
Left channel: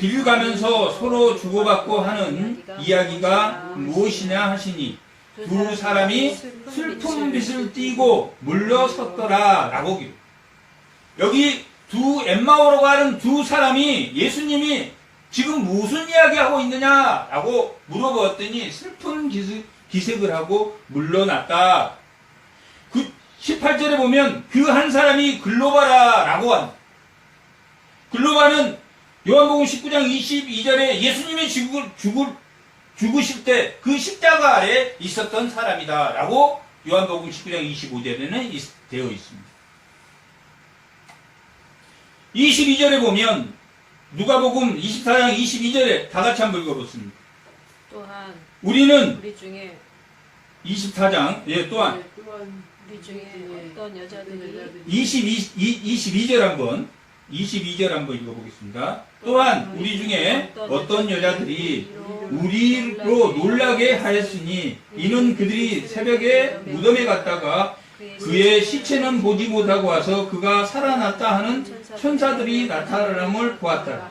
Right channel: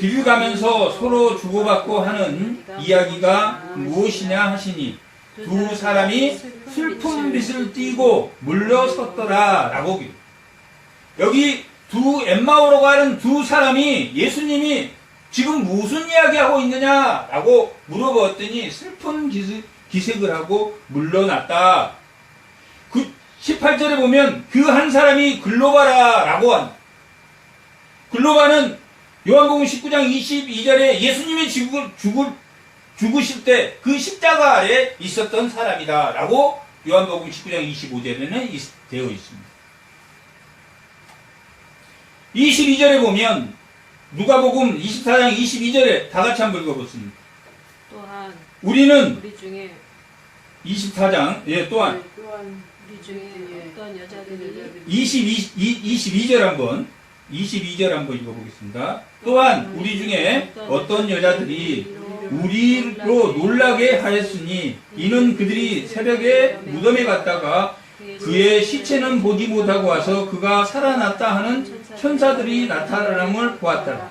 길 가면서 서로 주고받고 하는 이야기가 무엇이냐 하시니 두 사람이 슬픈 빛을 띠고 물러섰더라 라고 기록. 여기 엠마오로 가는 두 사람이 예수님이 지금 무슨 이야기하고 있느냐라고 물어봤더니 슬픈 기색을 하고 물러났다. 그 18절에 보면 그 한 사람이 글로바라라고 한다. 글로바는 요한복음 19장 22절에 예수님이 죽으실 때 그 십자가 아래 있었던 사람이다 라고 요한복음 19장 25절에는 되어 있습니다. 22절에 보면 누가복음 24장 22절에 다 같이 한번 읽어보겠습니다. 또한 우리는 우리 중에 24장 또한 우리 중에 어떤 여자들이 22절 한번 읽어보겠습니다. 또한 우리 중에 어떤 여자들이 우리로 놀라게 하였으니 이는 그들이 새벽에 무덤에 갔다가 그의 시체는 보지 못하고 와서 그가 살아났다 하는 천사들이 나타남을 보았다.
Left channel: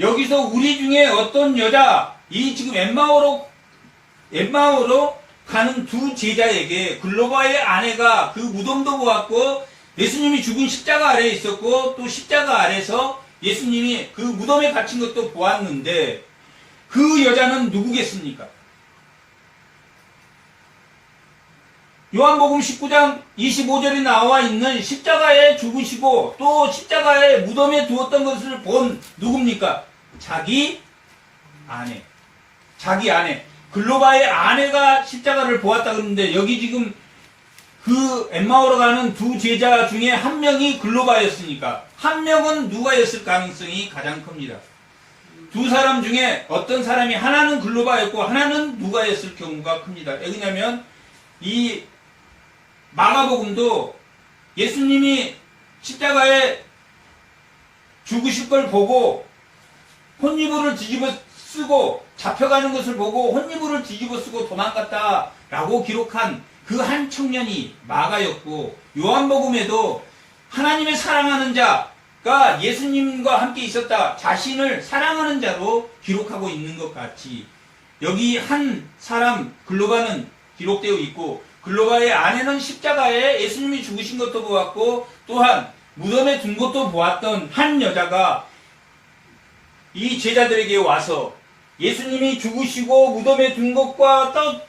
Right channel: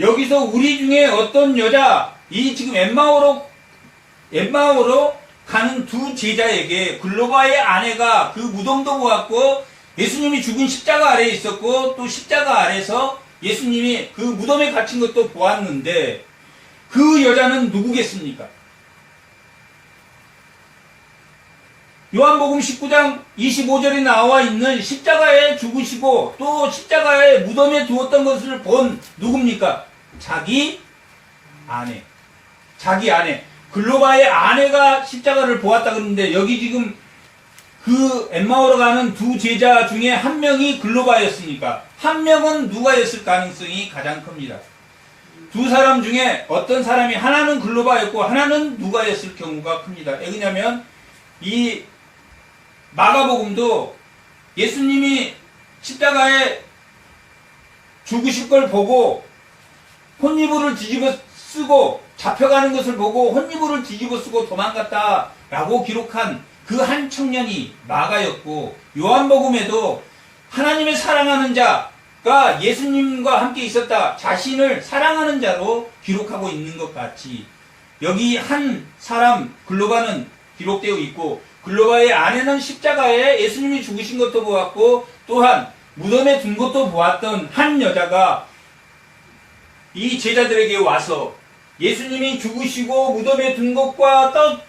여기서 우리 중에 어떤 여자, 이 지금 엠마오로 가는 두 제자에게 글로바의 아내가 그 무덤도 보았고 예수님이 죽은 십자가 아래에 있었고 또 십자가 아래에서 예수님이 그 무덤에 갇힌 것도 보았는데 그 여자는 누구겠습니까? 요한복음 19장 25절에 나와 있는 십자가에 죽으시고 또 십자가에 무덤에 두었던 것을 본 누굽니까? 자기 아내. 글로바의 아내가 십자가를 보았다 그러는데 여기 지금 그 엠마오로 가는 두 제자 중에 한 명이 글로바였으니까 한 명은 누가였을 가능성이 가장 큽니다. 두 사람 중에 어떤 사람이 하나는 글로바였고 하나는 누가였을 경우가 큽니다. 왜냐하면 이 마가복음도 예수님이 십자가에 죽으실 걸 보고 혼이불을 뒤집어 쓰고 잡혀가는 것을 보고 혼이불을 뒤집어 쓰고 도망갔다라고 기록한 그 한 청년이 마가였고 요한복음에도 하나님의 사랑하는 자가 예수님과 함께 있었다. 자신을 사랑하는 자로 기록하고 있는 것 같이 여기 한 사람 글로바는 기록되어 있고 글로바의 아내는 십자가에 예수님이 죽으신 것도 보았고 또한 무덤에 둔 것도 보았던 한 여자가 이 제자들에게 와서 예수님이 죽으시고 무덤에 둔 것과 또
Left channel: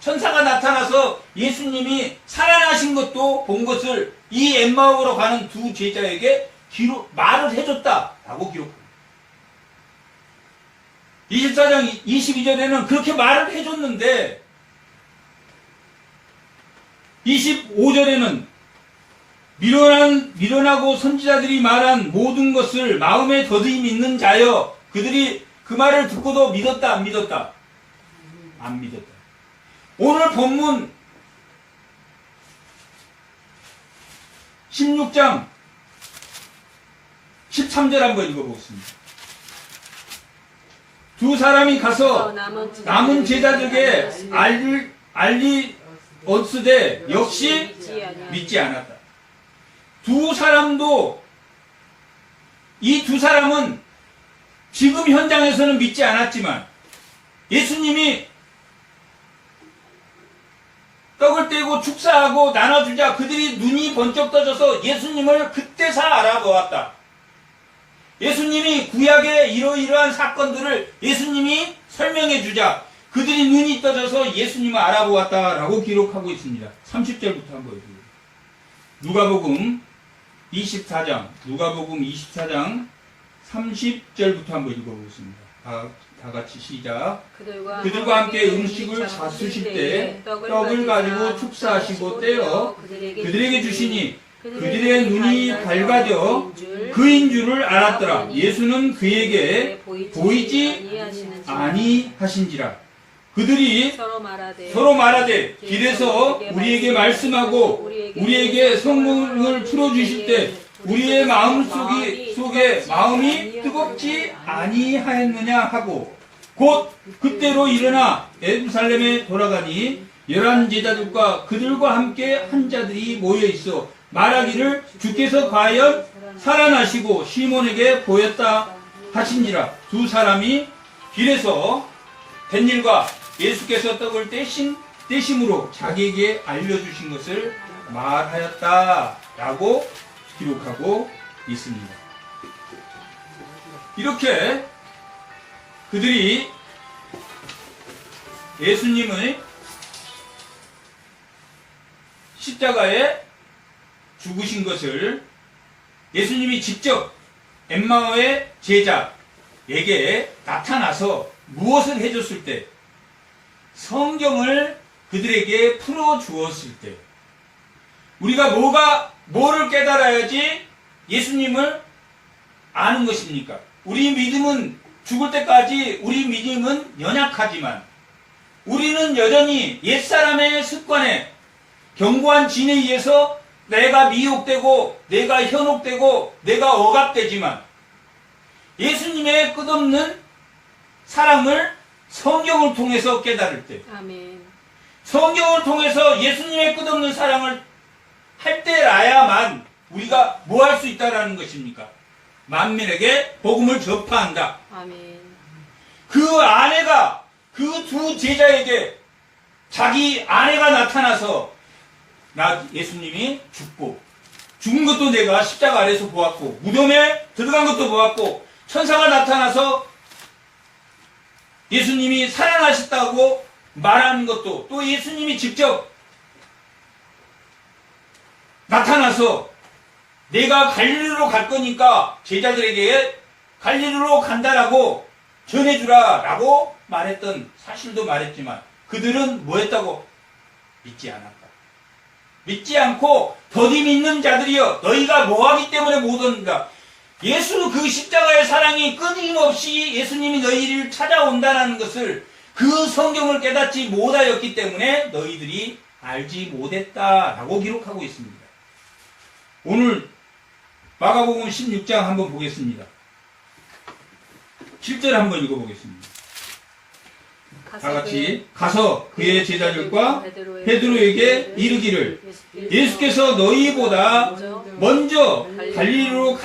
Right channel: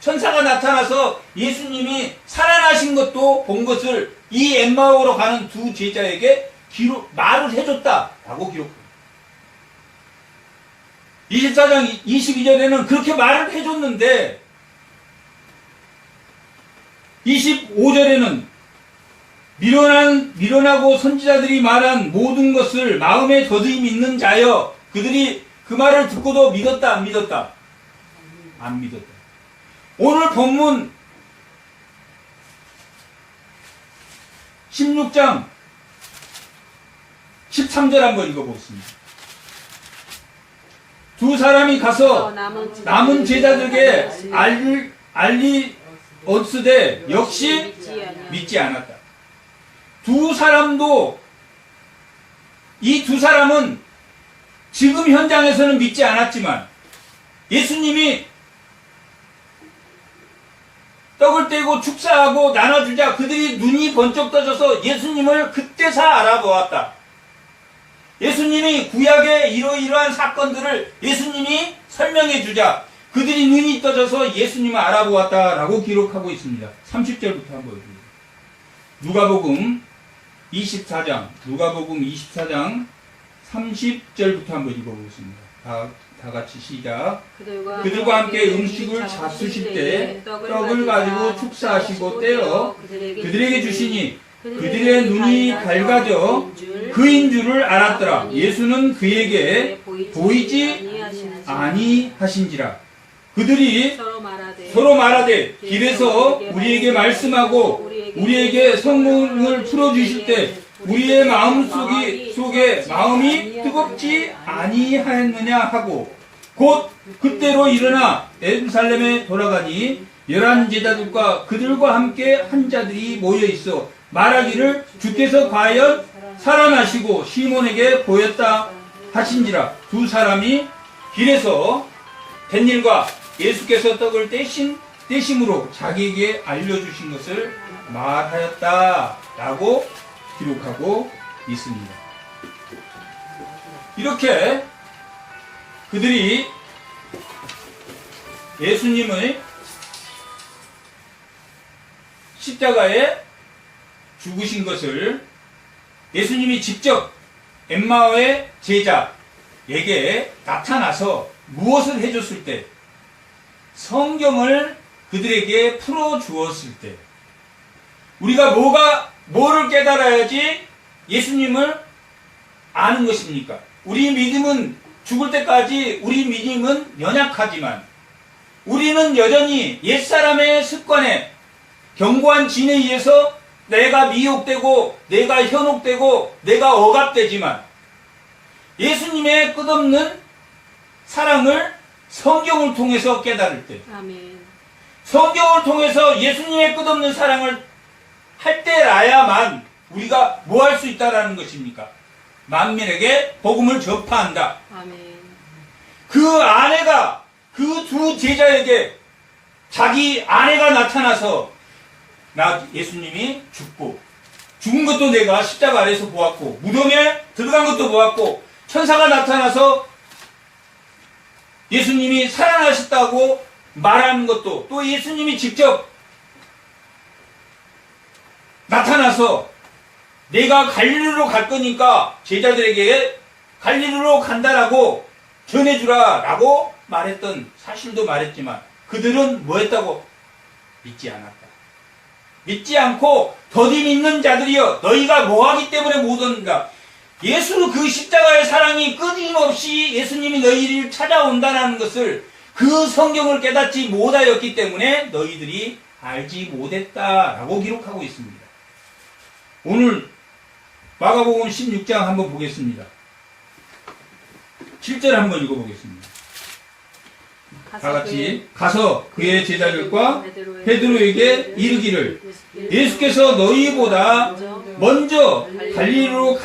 천사가 나타나서 예수님이 살아나신 것도 본 것을 이 엠마오로 가는 두 제자에게 말을 해줬다라고 기록합니다. 24장 22절에는 그렇게 말을 해줬는데 25절에는 미련하고 선지자들이 말한 모든 것을 마음에 더디 믿는 자여. 그들이 그 말을 듣고도 믿었다, 안 믿었다? 안 믿었다. 오늘 본문 16장 13절 한번 읽어보겠습니다. 두 사람이 가서 남은 제자들에게 알리었으되 역시 믿지 않았다. 두 사람도, 이 두 사람은 지금 현장에서는 믿지 않았지만 예수님이 떡을 떼고 축사하고 나눠주자 그들이 눈이 번쩍 떠져서 예수님을 그때서 알아보았다. 예수님이 구약의 이러이러한 사건들을 예수님이 설명해 주자 그들이 눈이 떠져서 예수님을 알아보았다라고 기록하고 있습니다. 30절부터 한번 보여주세요. 누가복음 24장 30절부터 한번 읽어보겠습니다. 다 같이 시작. 그들과 함께 음식을 잡수실 때 떡을 가지고 축사하시고 떼어 그들에게 주시니 그들의 눈이 밝아져 그인 줄을 알았더라. 예수는 그에게 보이지 아니하신지라. 그들이 서로 말하되 길에서 우리에게 말씀하고 우리에게 성경을 풀어주실 때 우리의 마음 속에 마음이 뜨겁지 아니하였느냐 하고 곧 그때로 일어나 예루살렘에 돌아가니 11 제자들과 그들과 함께 한 자들이 모여 있어 말하기를 주께서 과연 살아나시고 시몬에게 보였다 하신지라. 두 사람이 길에서 된 일과 예수께서 떡을 떼심으로 자기에게 알려주신 것을 말하였다라고 기록하고 있습니다. 이렇게 그들이 예수님의 십자가에 죽으신 것을 예수님이 직접 엠마오의 제자에게 나타나서 무엇을 해줬을 때, 성경을 그들에게 풀어주었을 때, 우리가 뭐를 깨달아야지 예수님을 아는 것입니까? 우리 믿음은 죽을 때까지 우리 믿음은 연약하지만 우리는 여전히 옛사람의 습관에 견고한 진에 의해서 내가 미혹되고 내가 현혹되고 내가 억압되지만 예수님의 끝없는 사랑을 성경을 통해서 깨달을 때, 아멘. 성경을 통해서 예수님의 끝없는 사랑을 할 때라야만 우리가 뭐 할 수 있다라는 것입니까? 만민에게 복음을 전파한다. 아멘. 그 아내가 그 두 제자에게 자기 아내가 나타나서 나 예수님이 죽은 것도 내가 십자가 아래에서 보았고 무덤에 들어간 것도 보았고 천사가 나타나서 예수님이 살아나셨다고 말하는 것도 또 예수님이 직접 나타나서 내가 갈릴리로 갈 거니까 제자들에게 갈릴리로 간다라고 전해주라 라고 말했던 사실도 말했지만 그들은 뭐 했다고? 믿지 않았다. 믿지 않고 더디 믿는 자들이여 너희가 뭐하기 때문에 못 오는가? 예수 그 십자가의 사랑이 끊임없이 예수님이 너희를 찾아온다는 것을 그 성경을 깨닫지 못하였기 때문에 너희들이 알지 못했다라고 기록하고 있습니다. 오늘 마가복음 16장 한번 보겠습니다. 7절 한번 읽어보겠습니다. 다 같이 가서 그의 제자들과 베드로에게 이르기를 예수께서 너희보다 먼저 갈릴리로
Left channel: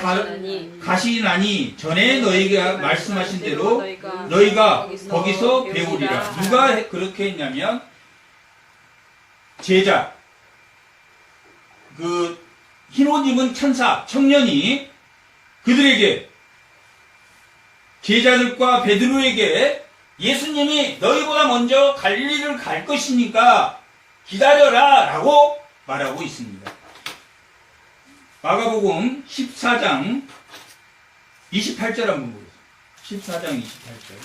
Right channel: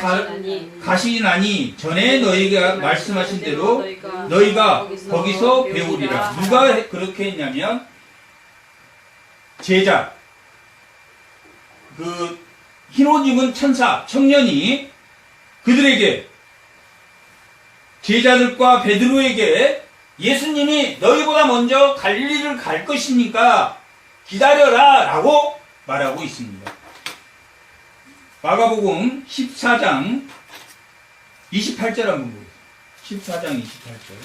가시나니 전에 너희가 말씀하신 대로 너희가 거기서 배우리라. 누가 그렇게 했냐면 제자 그 흰옷 입은 천사 청년이 그들에게 제자들과 베드로에게 예수님이 너희보다 먼저 갈릴리를 갈 것이니까 기다려라 라고 말하고 있습니다. 마가복음 14장 28절 한번 보겠습니다. 14장 28절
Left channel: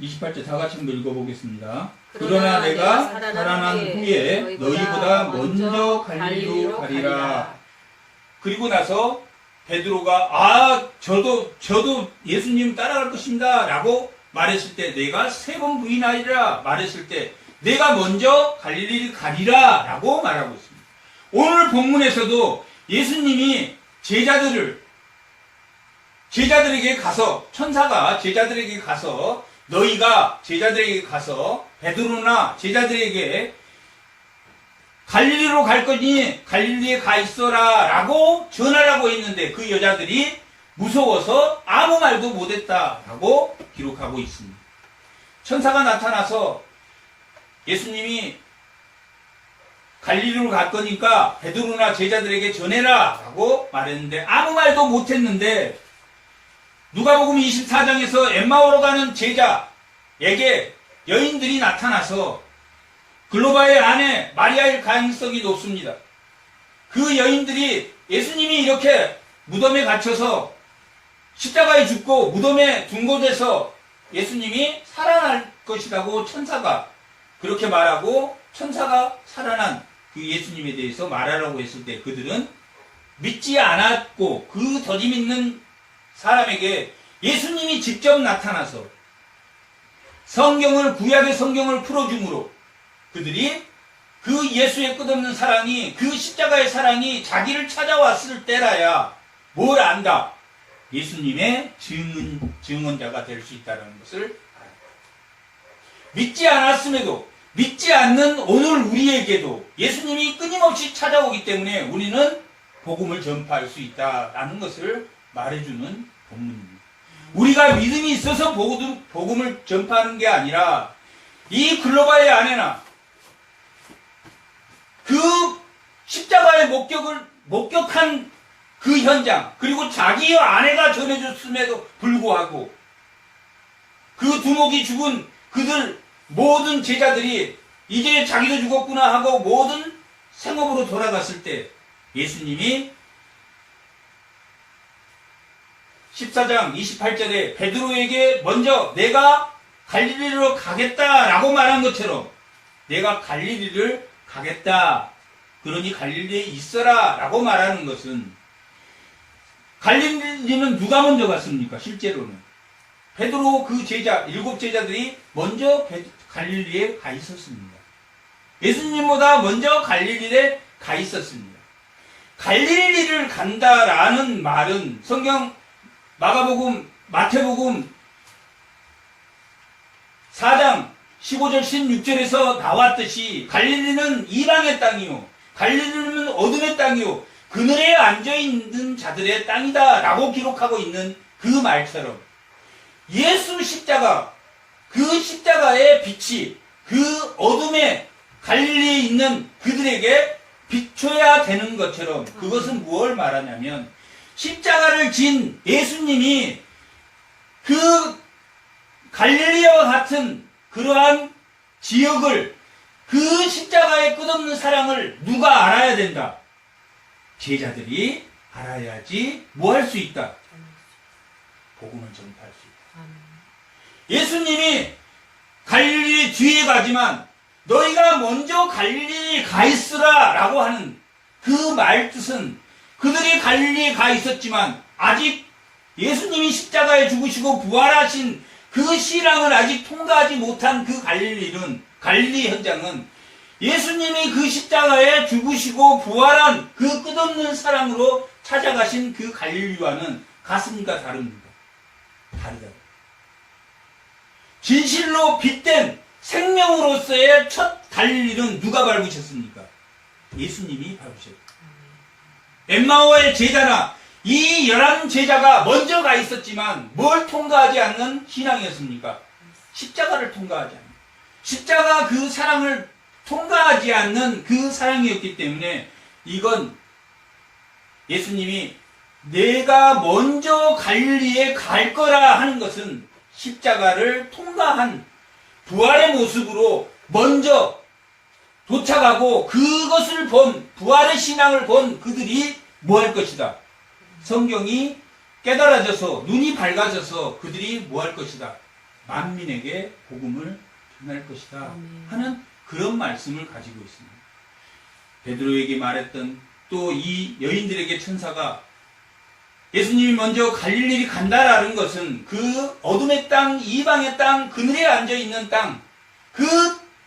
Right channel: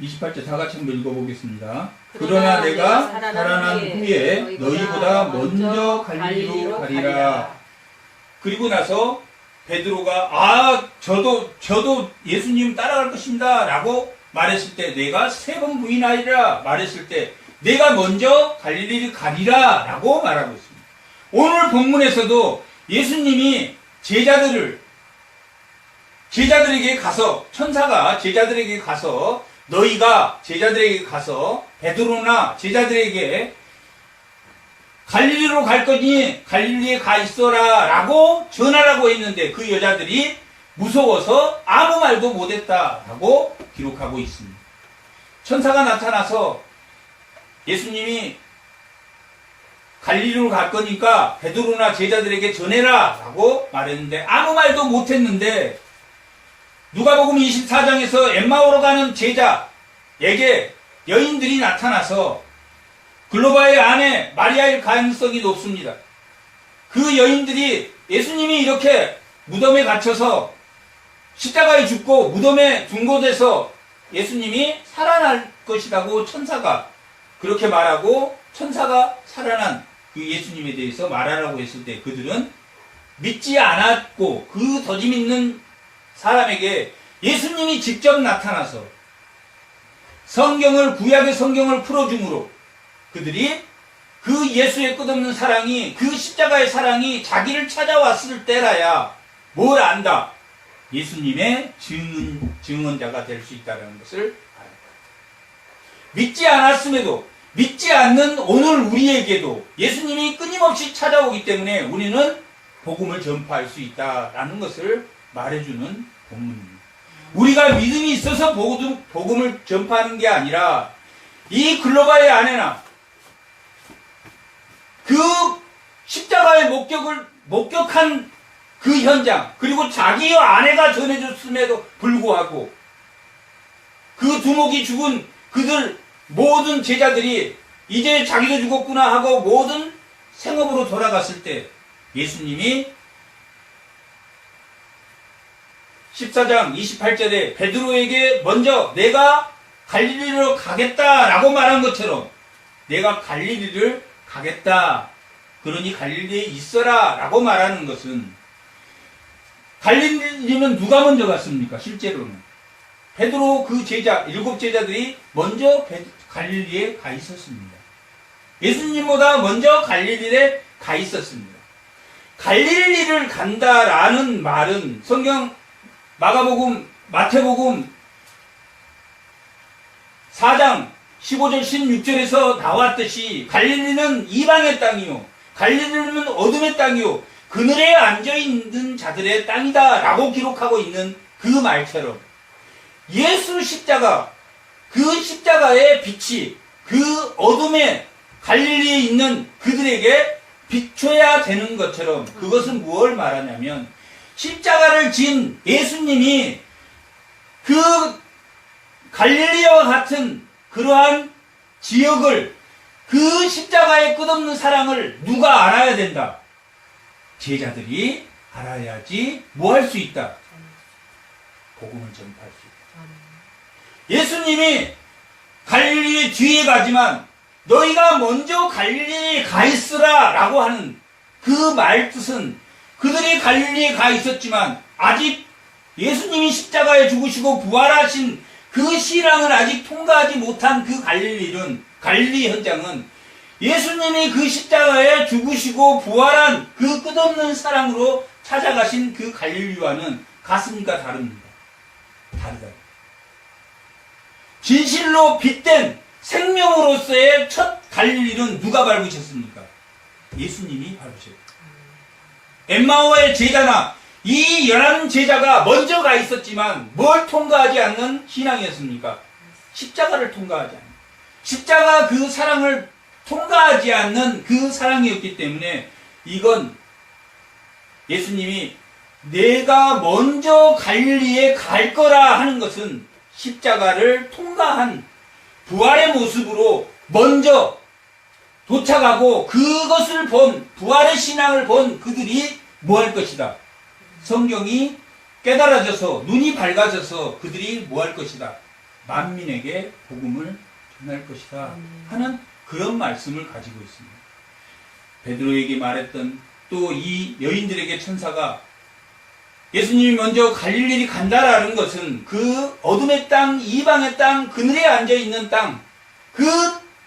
28절 다 같이 한번 읽어보겠습니다. 그러나 내가 살아난 후에 너희보다 먼저 갈릴리로 가리라. 그리고 나서 베드로가 저도 예수님 따라갈 것입니다 라고 말했을 때, 내가 3번 부인하리라 말했을 때 내가 먼저 갈릴리를 가리라 라고 말하고 있습니다. 오늘 본문에서도 예수님이 제자들에게 가서, 천사가 제자들에게 가서, 너희가 제자들에게 가서 베드로나 제자들에게 갈릴리로 갈 거니 갈릴리에 가 있어라 라고 전하라고 했는데, 그 여자들이 무서워서 아무 말도 못했다 라고 기록하고 있습니다. 천사가 나타나서 예수님이 갈릴리로 갈 거니까 베드로나 제자들에게 전해라 라고 말했는데 아무 말도 못했는데, 누가복음 24장에서 엠마오로 가는 제자에게 여인들이 나타나서 글로바의 아내 마리아일 가능성이 높습니다. 그 여인들이 예수님이 이렇게 무덤에 갇혀서 십자가에 죽고 무덤에 둔 곳에서 예수님이 살아날 것이라고 천사가 그렇게 말하고, 천사가 살아난 그 예수님에 대해서 말하라고 했을 때 그들은 믿지 않았고, 그 더디 믿는 사람에게 예수님이 직접 나타나서 구약의 성경을 풀어줌으로 그들이 그 예수의 끝없는 사랑이, 그 십자가의 사랑이 자기를 찾아왔을 때라야 뭘 안다? 예수님의 증언자가 될 수 있다는 것을 알았다. 믿지 않았음에도, 믿지 않는 오늘 우리에게도 예수님이 끊임없이 찾아오기 때문에 우리는 복음을 전파할 수 있다라는 것을 말해주는 본문입니다. 우리가 믿음이 있어서 복음을 전파하는 게 아니라, 이 글로바의 아내나 그 십자가의 목격한 그 현장, 그리고 자기의 아내가 전해줬음에도 불구하고 그 두목이 죽은 그들 모든 제자들이 이제 자기도 죽었구나 하고 모든 생업으로 돌아갔을 때 예수님이 14장 28절에 베드로에게 먼저 내가 갈릴리로 가겠다라고 말한 것처럼, 내가 갈릴리를 가겠다, 그러니 갈릴리에 있어라 라고 말하는 것은, 갈릴리는 누가 먼저 갔습니까? 실제로는 베드로 그 제자 7제자들이 먼저 갈릴리에 가 있었습니다. 예수님보다 먼저 갈릴리에 가 있었습니다. 갈릴리를 간다라는 말은 성경 마가복음, 마태복음 4장 15절 16절에서 나왔듯이 갈릴리는 이방의 땅이요, 갈릴리는 어둠의 땅이요, 그늘에 앉아있는 자들의 땅이다 라고 기록하고 있는 그 말처럼, 예수 십자가, 그 십자가의 빛이 그 어둠의 갈릴리에 있는 그들에게 비춰야 되는 것처럼, 그것은 무엇을 말하냐면, 십자가를 진 예수님이 그 갈릴리와 같은 그러한 지역을, 그 십자가의 끝없는 사랑을 누가 알아야 된다? 제자들이 알아야지 뭐 할 수 있다? 복음을 전파할 수 있다. 예수님이 갈릴리 뒤에 가지만 너희가 먼저 갈릴리에 가 있으라 라고 하는 그 말뜻은, 그들이 갈릴리에 가 있었지만 아직 예수님이 십자가에 죽으시고 부활하신 그 신앙을 아직 통과하지 못한 그 갈릴리 현장은 예수님이 그 십자가에 죽으시고 부활한 그 끝없는 사랑으로 찾아가신 그 갈릴리와는 같습니까? 다릅니다. 다르다. 진실로 빛된 생명으로서의 첫 갈릴리는 누가 밟으셨습니까? 예수님이 밟으셨다. 엠마오의 제자나 이 11제자가 먼저 가 있었지만 뭘 통과하지 않는 신앙이었습니까? 십자가를 통과하지 않는, 십자가 그 사랑을 통과하지 않는 그 사랑이었기 때문에, 이건 예수님이 내가 먼저 갈릴리에 갈 거라 하는 것은 십자가를 통과한 부활의 모습으로 먼저 도착하고 그것을 본, 부활의 신앙을 본 그들이 뭐 할 것이다? 성경이 깨달아져서, 눈이 밝아져서 그들이 뭐 할 것이다? 만민에게 복음을 전할 것이다 아멘. 하는 그런 말씀을 가지고 있습니다. 베드로에게 말했던 또 이 여인들에게 천사가 예수님이 먼저 갈릴리를 간다라는 것은 그 어둠의 땅, 이방의 땅, 그늘에 앉아있는 땅, 그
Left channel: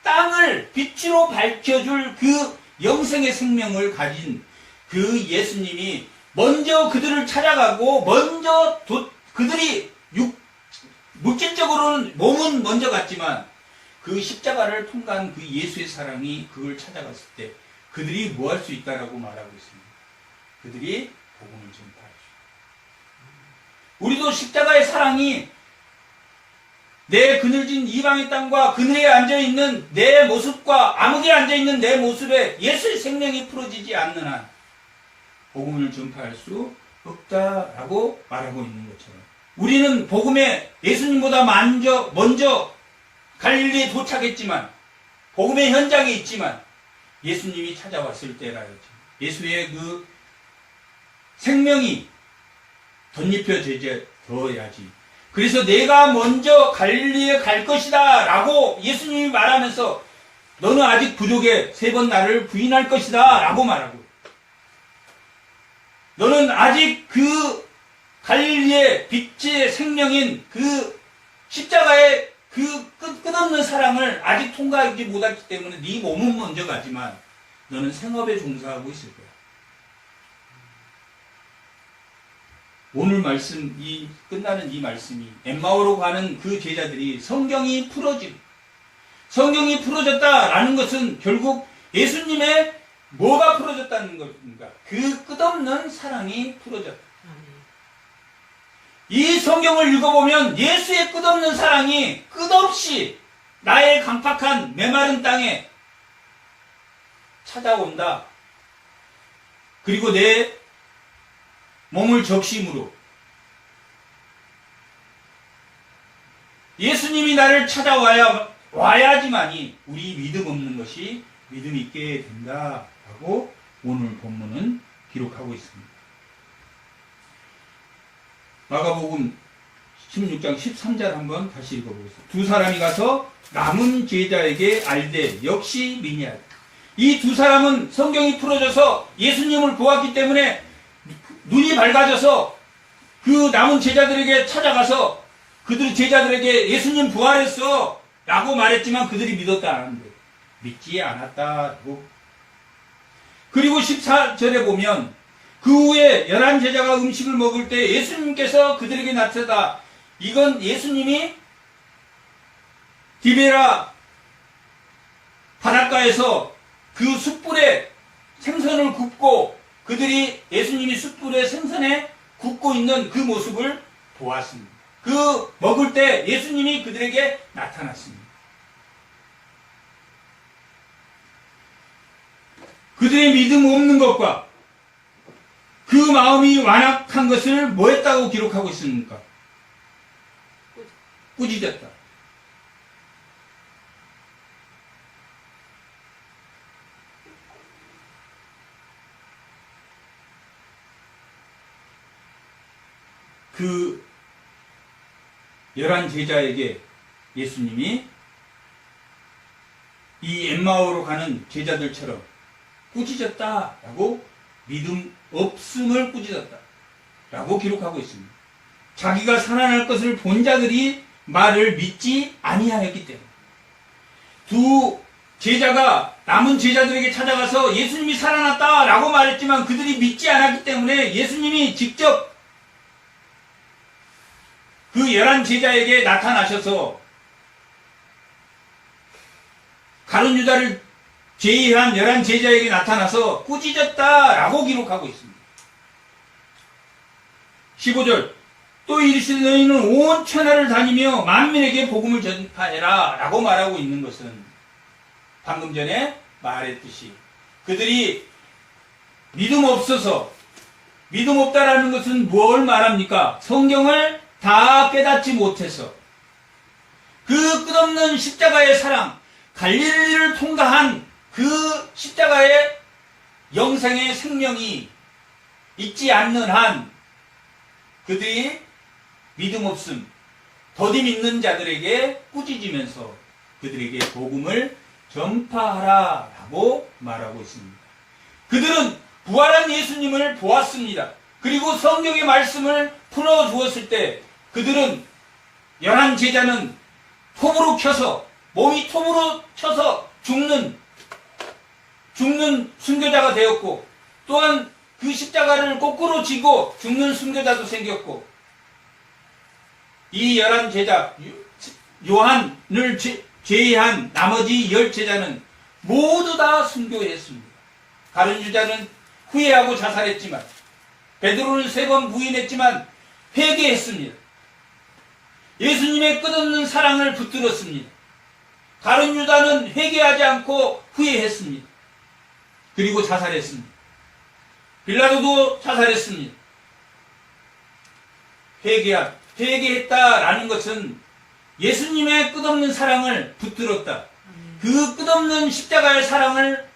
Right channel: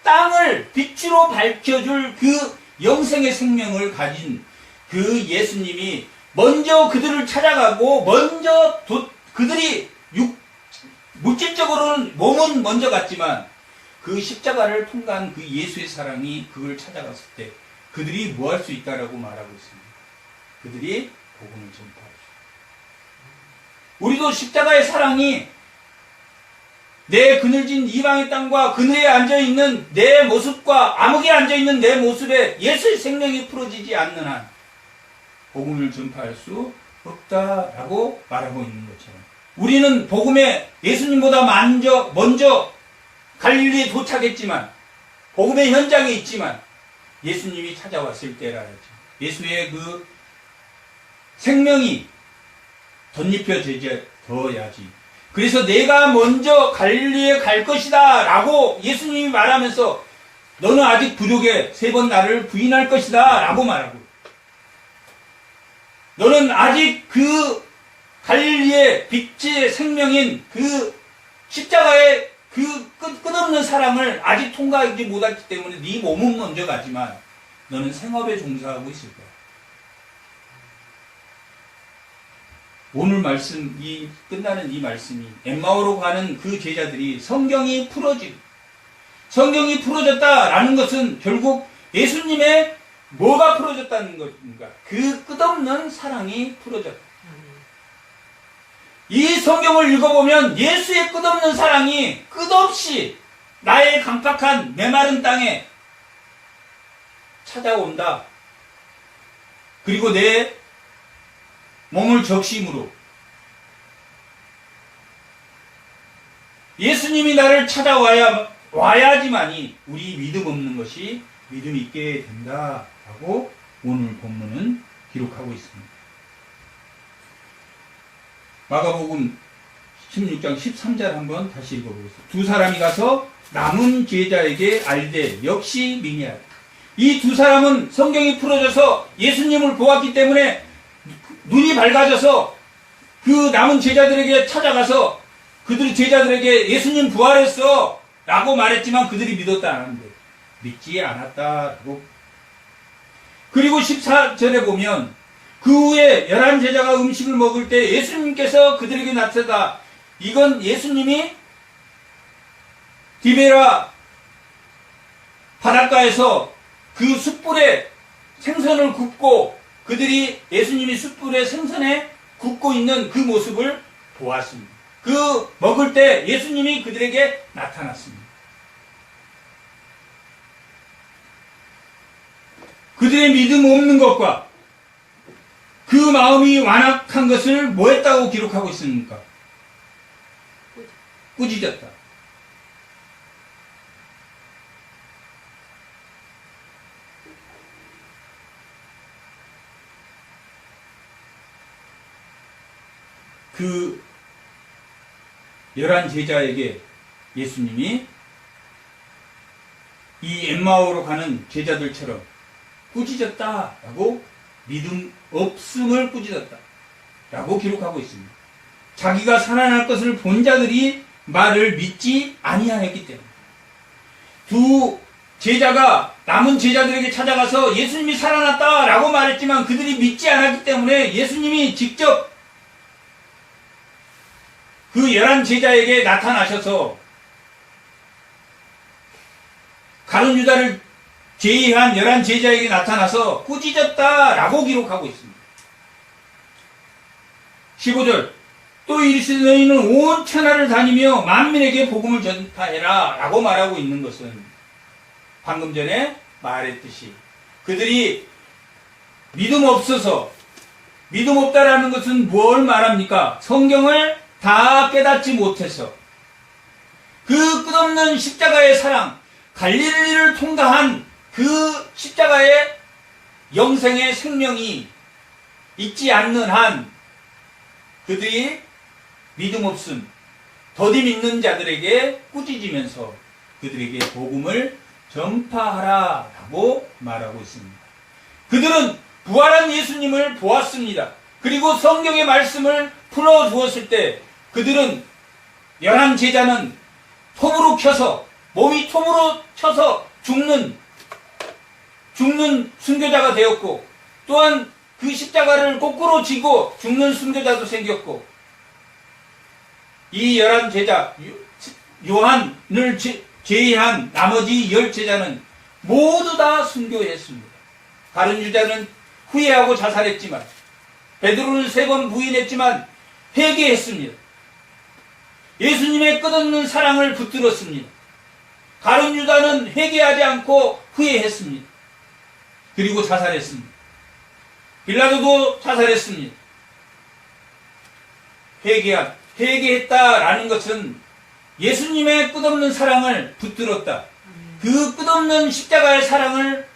땅을 빛으로 밝혀줄 그 영생의 생명을 가진 그 예수님이 먼저 그들을 찾아가고 먼저 그들이 물질적으로는 몸은 먼저 갔지만 그 십자가를 통과한 그 예수의 사랑이 그걸 찾아갔을 때 그들이 뭐 할 수 있다라고 말하고 있습니다. 그들이 복음을 전파하죠. 우리도 십자가의 사랑이 내 그늘진 이방의 땅과 그늘에 앉아있는 내 모습과 암흑에 앉아있는 내 모습에 예수의 생명이 풀어지지 않는 한 복음을 전파할 수 없다라고 말하고 있는 것처럼 우리는 복음에 예수님보다 먼저 갈릴리에 도착했지만 복음의 현장에 있지만 예수님이 찾아왔을 때라 했죠. 예수의 그 생명이 덧입혀져야지. 그래서 내가 먼저 갈릴리에 갈 것이다 라고 예수님이 말하면서 너는 아직 부족해 3번 나를 부인할 것이다 라고 말하고 너는 아직 그 갈릴리의 빛의 생명인 그 십자가의 그 끝없는 사랑을 아직 통과하지 못했기 때문에 네 몸은 먼저 가지만 너는 생업에 종사하고 있을 거야. 오늘 말씀, 끝나는 이 말씀이 엠마오로 가는 그 제자들이 성경이 풀어졌다라는 것은 결국 예수님의 뭐가 풀어졌다는 것인가? 그 끝없는 사랑이 풀어졌다. 이 성경을 읽어보면 예수의 끝없는 사랑이 끝없이 나의 강팍한 메마른 땅에 찾아온다. 그리고 내 몸을 적심으로 예수님이 나를 와야지만이 우리 믿음 없는 것이 믿음 있게 된다라고 오늘 본문은 기록하고 있습니다. 마가복음 16장 13절 한번 다시 읽어보겠습니다. 2 사람이 가서 남은 제자에게 알되 역시 맹약하다. 이 2 사람은 성경이 풀어져서 예수님을 보았기 때문에 눈이 밝아져서 그 남은 제자들에게 찾아가서 그들 제자들에게 예수님 부활했어 라고 말했지만 그들이 믿었다 하는데 믿지 않았다고. 그리고 14절에 보면 그 후에 11제자가 음식을 먹을 때 예수님께서 그들에게 나타나다. 이건 예수님이 디베라 바닷가에서 그 숯불에 생선을 굽고 그들이 예수님이 숯불에 생선에 굽고 있는 그 모습을 보았습니다. 그 먹을 때 예수님이 그들에게 나타났습니다. 그들의 믿음 없는 것과 그 마음이 완악한 것을 뭐 했다고 기록하고 있습니까? 꾸짖었다. 그 11제자에게 예수님이 이 엠마오로 가는 제자들처럼 꾸짖었다라고 믿음 없음을 꾸짖었다라고 기록하고 있습니다. 자기가 살아날 것을 본 자들이 말을 믿지 아니하였기 때문에 두 제자가 남은 제자들에게 찾아가서 예수님이 살아났다라고 말했지만 그들이 믿지 않았기 때문에 예수님이 직접 그 11제자에게 나타나셔서 가룟 유다를 제의한 11제자에게 나타나서 꾸짖었다라고 기록하고 있습니다. 15절 또 이르시되 너희는 온 천하를 다니며 만민에게 복음을 전파해라 라고 말하고 있는 것은 방금 전에 말했듯이 그들이 믿음 없다라는 것은 뭘 말합니까? 성경을 다 깨닫지 못해서 그 끝없는 십자가의 사랑, 갈릴리를 통과한 그 십자가의 영생의 생명이 있지 않는 한 그들이 믿음 없음, 더디 믿는 자들에게 꾸짖으면서 그들에게 복음을 전파하라라고 말하고 있습니다. 그들은 부활한 예수님을 보았습니다. 그리고 성경의 말씀을 풀어주었을 때 그들은 11 제자는 톱으로 켜서 몸이 톱으로 쳐서 죽는 순교자가 되었고 또한 그 십자가를 거꾸로 지고 죽는 순교자도 생겼고 이 11 제자 요한을 제외한 나머지 10 제자는 모두 다 순교했습니다. 다른 유다는 후회하고 자살했지만 베드로는 3번 부인했지만 회개했습니다. 예수님의 끝없는 사랑을 붙들었습니다. 다른 유다는 회개하지 않고 후회했습니다. 그리고 자살했습니다. 빌라도도 자살했습니다. 회개했다라는 것은 예수님의 끝없는 사랑을 붙들었다. 그 끝없는 십자가의 사랑을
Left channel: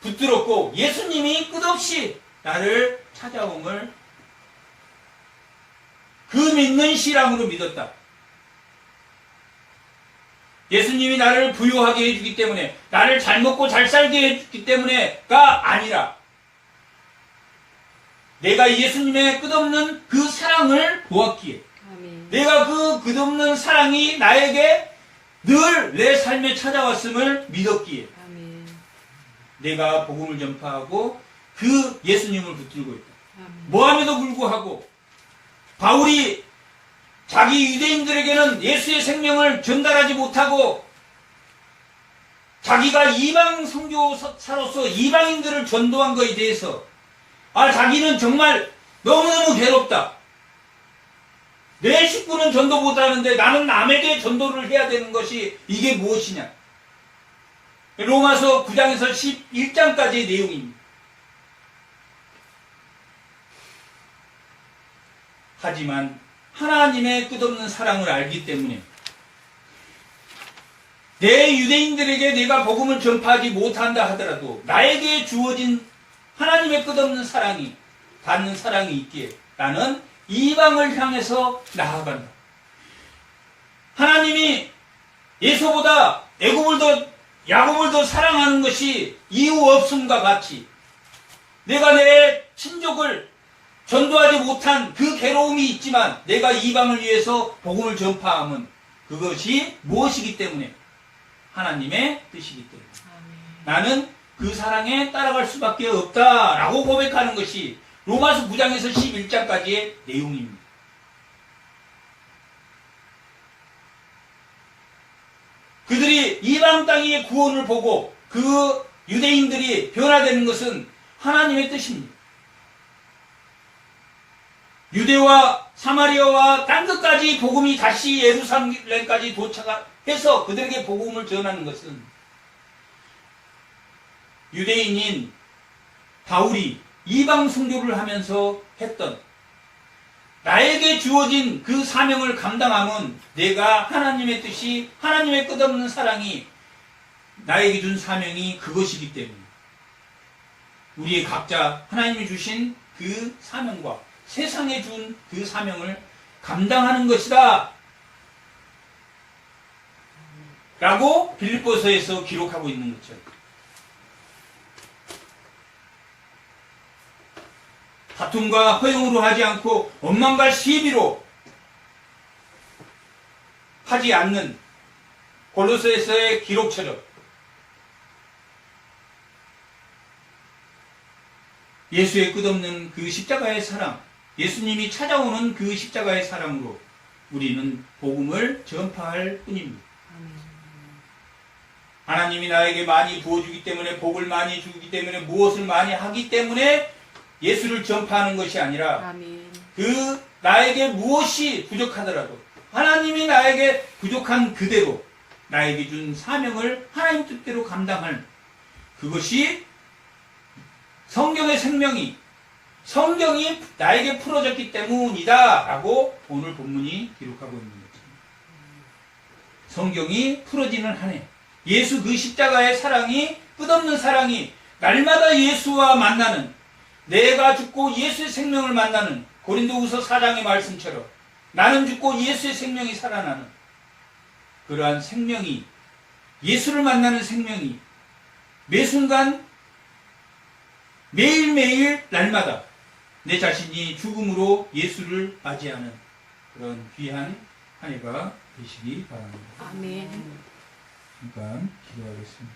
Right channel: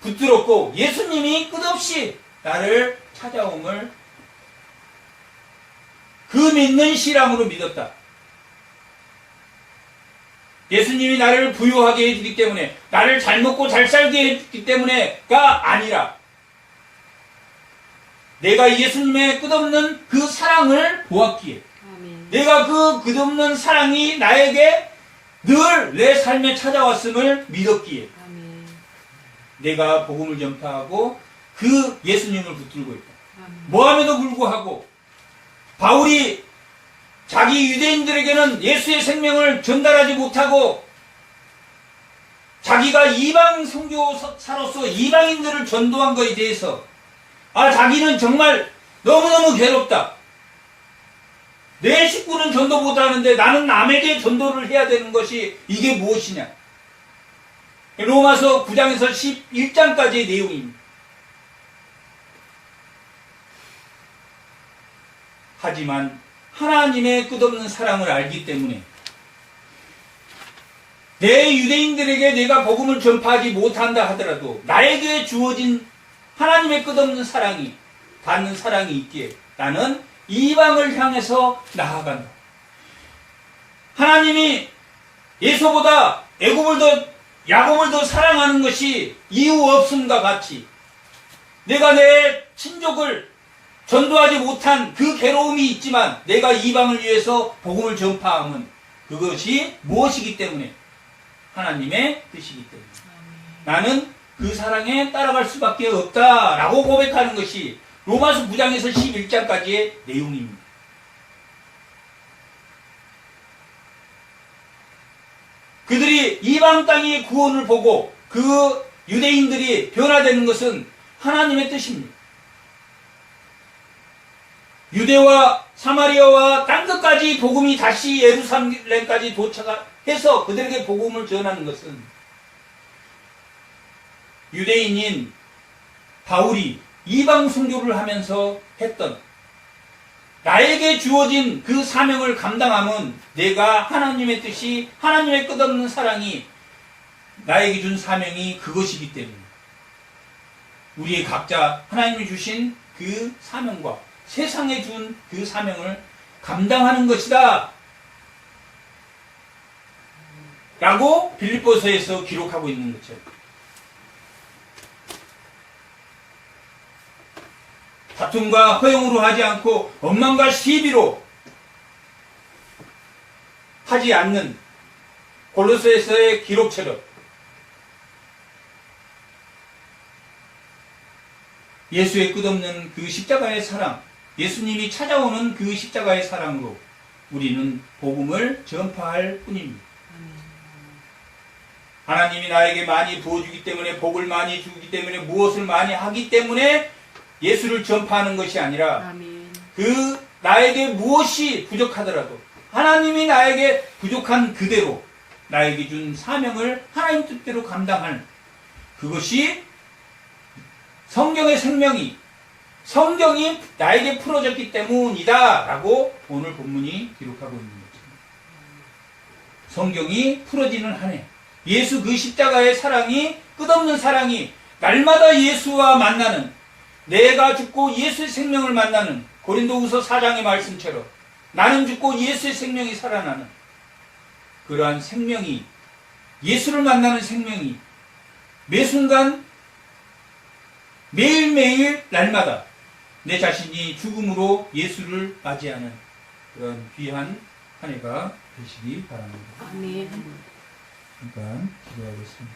붙들었고 예수님이 끝없이 나를 찾아옴을 그 믿는 신앙으로 믿었다. 예수님이 나를 부유하게 해주기 때문에 나를 잘 먹고 잘 살게 해주기 때문에가 아니라 내가 예수님의 끝없는 그 사랑을 보았기에 내가 그 끝없는 사랑이 나에게 늘 내 삶에 찾아왔음을 믿었기에 내가 복음을 전파하고 그 예수님을 붙들고 있다. 모함에도 불구하고 바울이 자기 유대인들에게는 예수의 생명을 전달하지 못하고 자기가 이방 선교사로서 이방인들을 전도한 것에 대해서 자기는 정말 너무너무 괴롭다. 내 식구는 전도 못하는데 나는 남에게 전도를 해야 되는 것이 이게 무엇이냐. 로마서 9장에서 11장까지의 내용입니다. 하지만 하나님의 끝없는 사랑을 알기 때문에 내 유대인들에게 내가 복음을 전파하지 못한다 하더라도 나에게 주어진 하나님의 끝없는 사랑이 받는 사랑이 있기에 나는 이방을 향해서 나아간다. 하나님이 에서보다 야곱을 더 사랑하는 것이 이유 없음과 같이 내가 내 친족을 전도하지 못한 그 괴로움이 있지만 내가 이방을 위해서 복음을 전파함은 그것이 무엇이기 때문에 하나님의 뜻이기 때문에 나는 그 사랑에 따라갈 수밖에 없다라고 고백하는 것이 로마서 9장에서 11장까지의 내용입니다. 그들이 이방 땅의 구원을 보고 그 유대인들이 변화되는 것은 하나님의 뜻입니다. 유대와 사마리아와 땅 끝까지 복음이 다시 예루살렘까지 도착해서 그들에게 복음을 전하는 것은 유대인인 바울이 이방 선교를 하면서 했던 나에게 주어진 그 사명을 감당함은 내가 하나님의 뜻이 하나님의 끝없는 사랑이 나에게 준 사명이 그것이기 때문에 우리의 각자 하나님이 주신 그 사명과 세상에 준 그 사명을 감당하는 것이다 라고 빌립보서에서 기록하고 있는 것처럼 다툼과 허용으로 하지 않고 원망과 시비로 하지 않는 골로새서의 기록처럼 예수의 끝없는 그 십자가의 사랑, 예수님이 찾아오는 그 십자가의 사랑으로 우리는 복음을 전파할 뿐입니다. 하나님이 나에게 많이 부어주기 때문에 복을 많이 주기 때문에 무엇을 많이 하기 때문에 예수를 전파하는 것이 아니라 그 나에게 무엇이 부족하더라도 하나님이 나에게 부족한 그대로 나에게 준 사명을 하나님 뜻대로 감당하는 그것이 성경의 생명이 성경이 나에게 풀어졌기 때문이다 라고 오늘 본문이 기록하고 있는 것입니다. 성경이 풀어지는 한 해 예수 그 십자가의 사랑이 끝없는 사랑이 날마다 예수와 만나는 내가 죽고 예수의 생명을 만나는 고린도후서 4장의 말씀처럼 나는 죽고 예수의 생명이 살아나는 그러한 생명이, 예수를 만나는 생명이 매 순간 매일매일 날마다 내 자신이 죽음으로 예수를 맞이하는 그런 귀한 한 해가 되시기 바랍니다. 아멘. 일단 기도하겠습니다.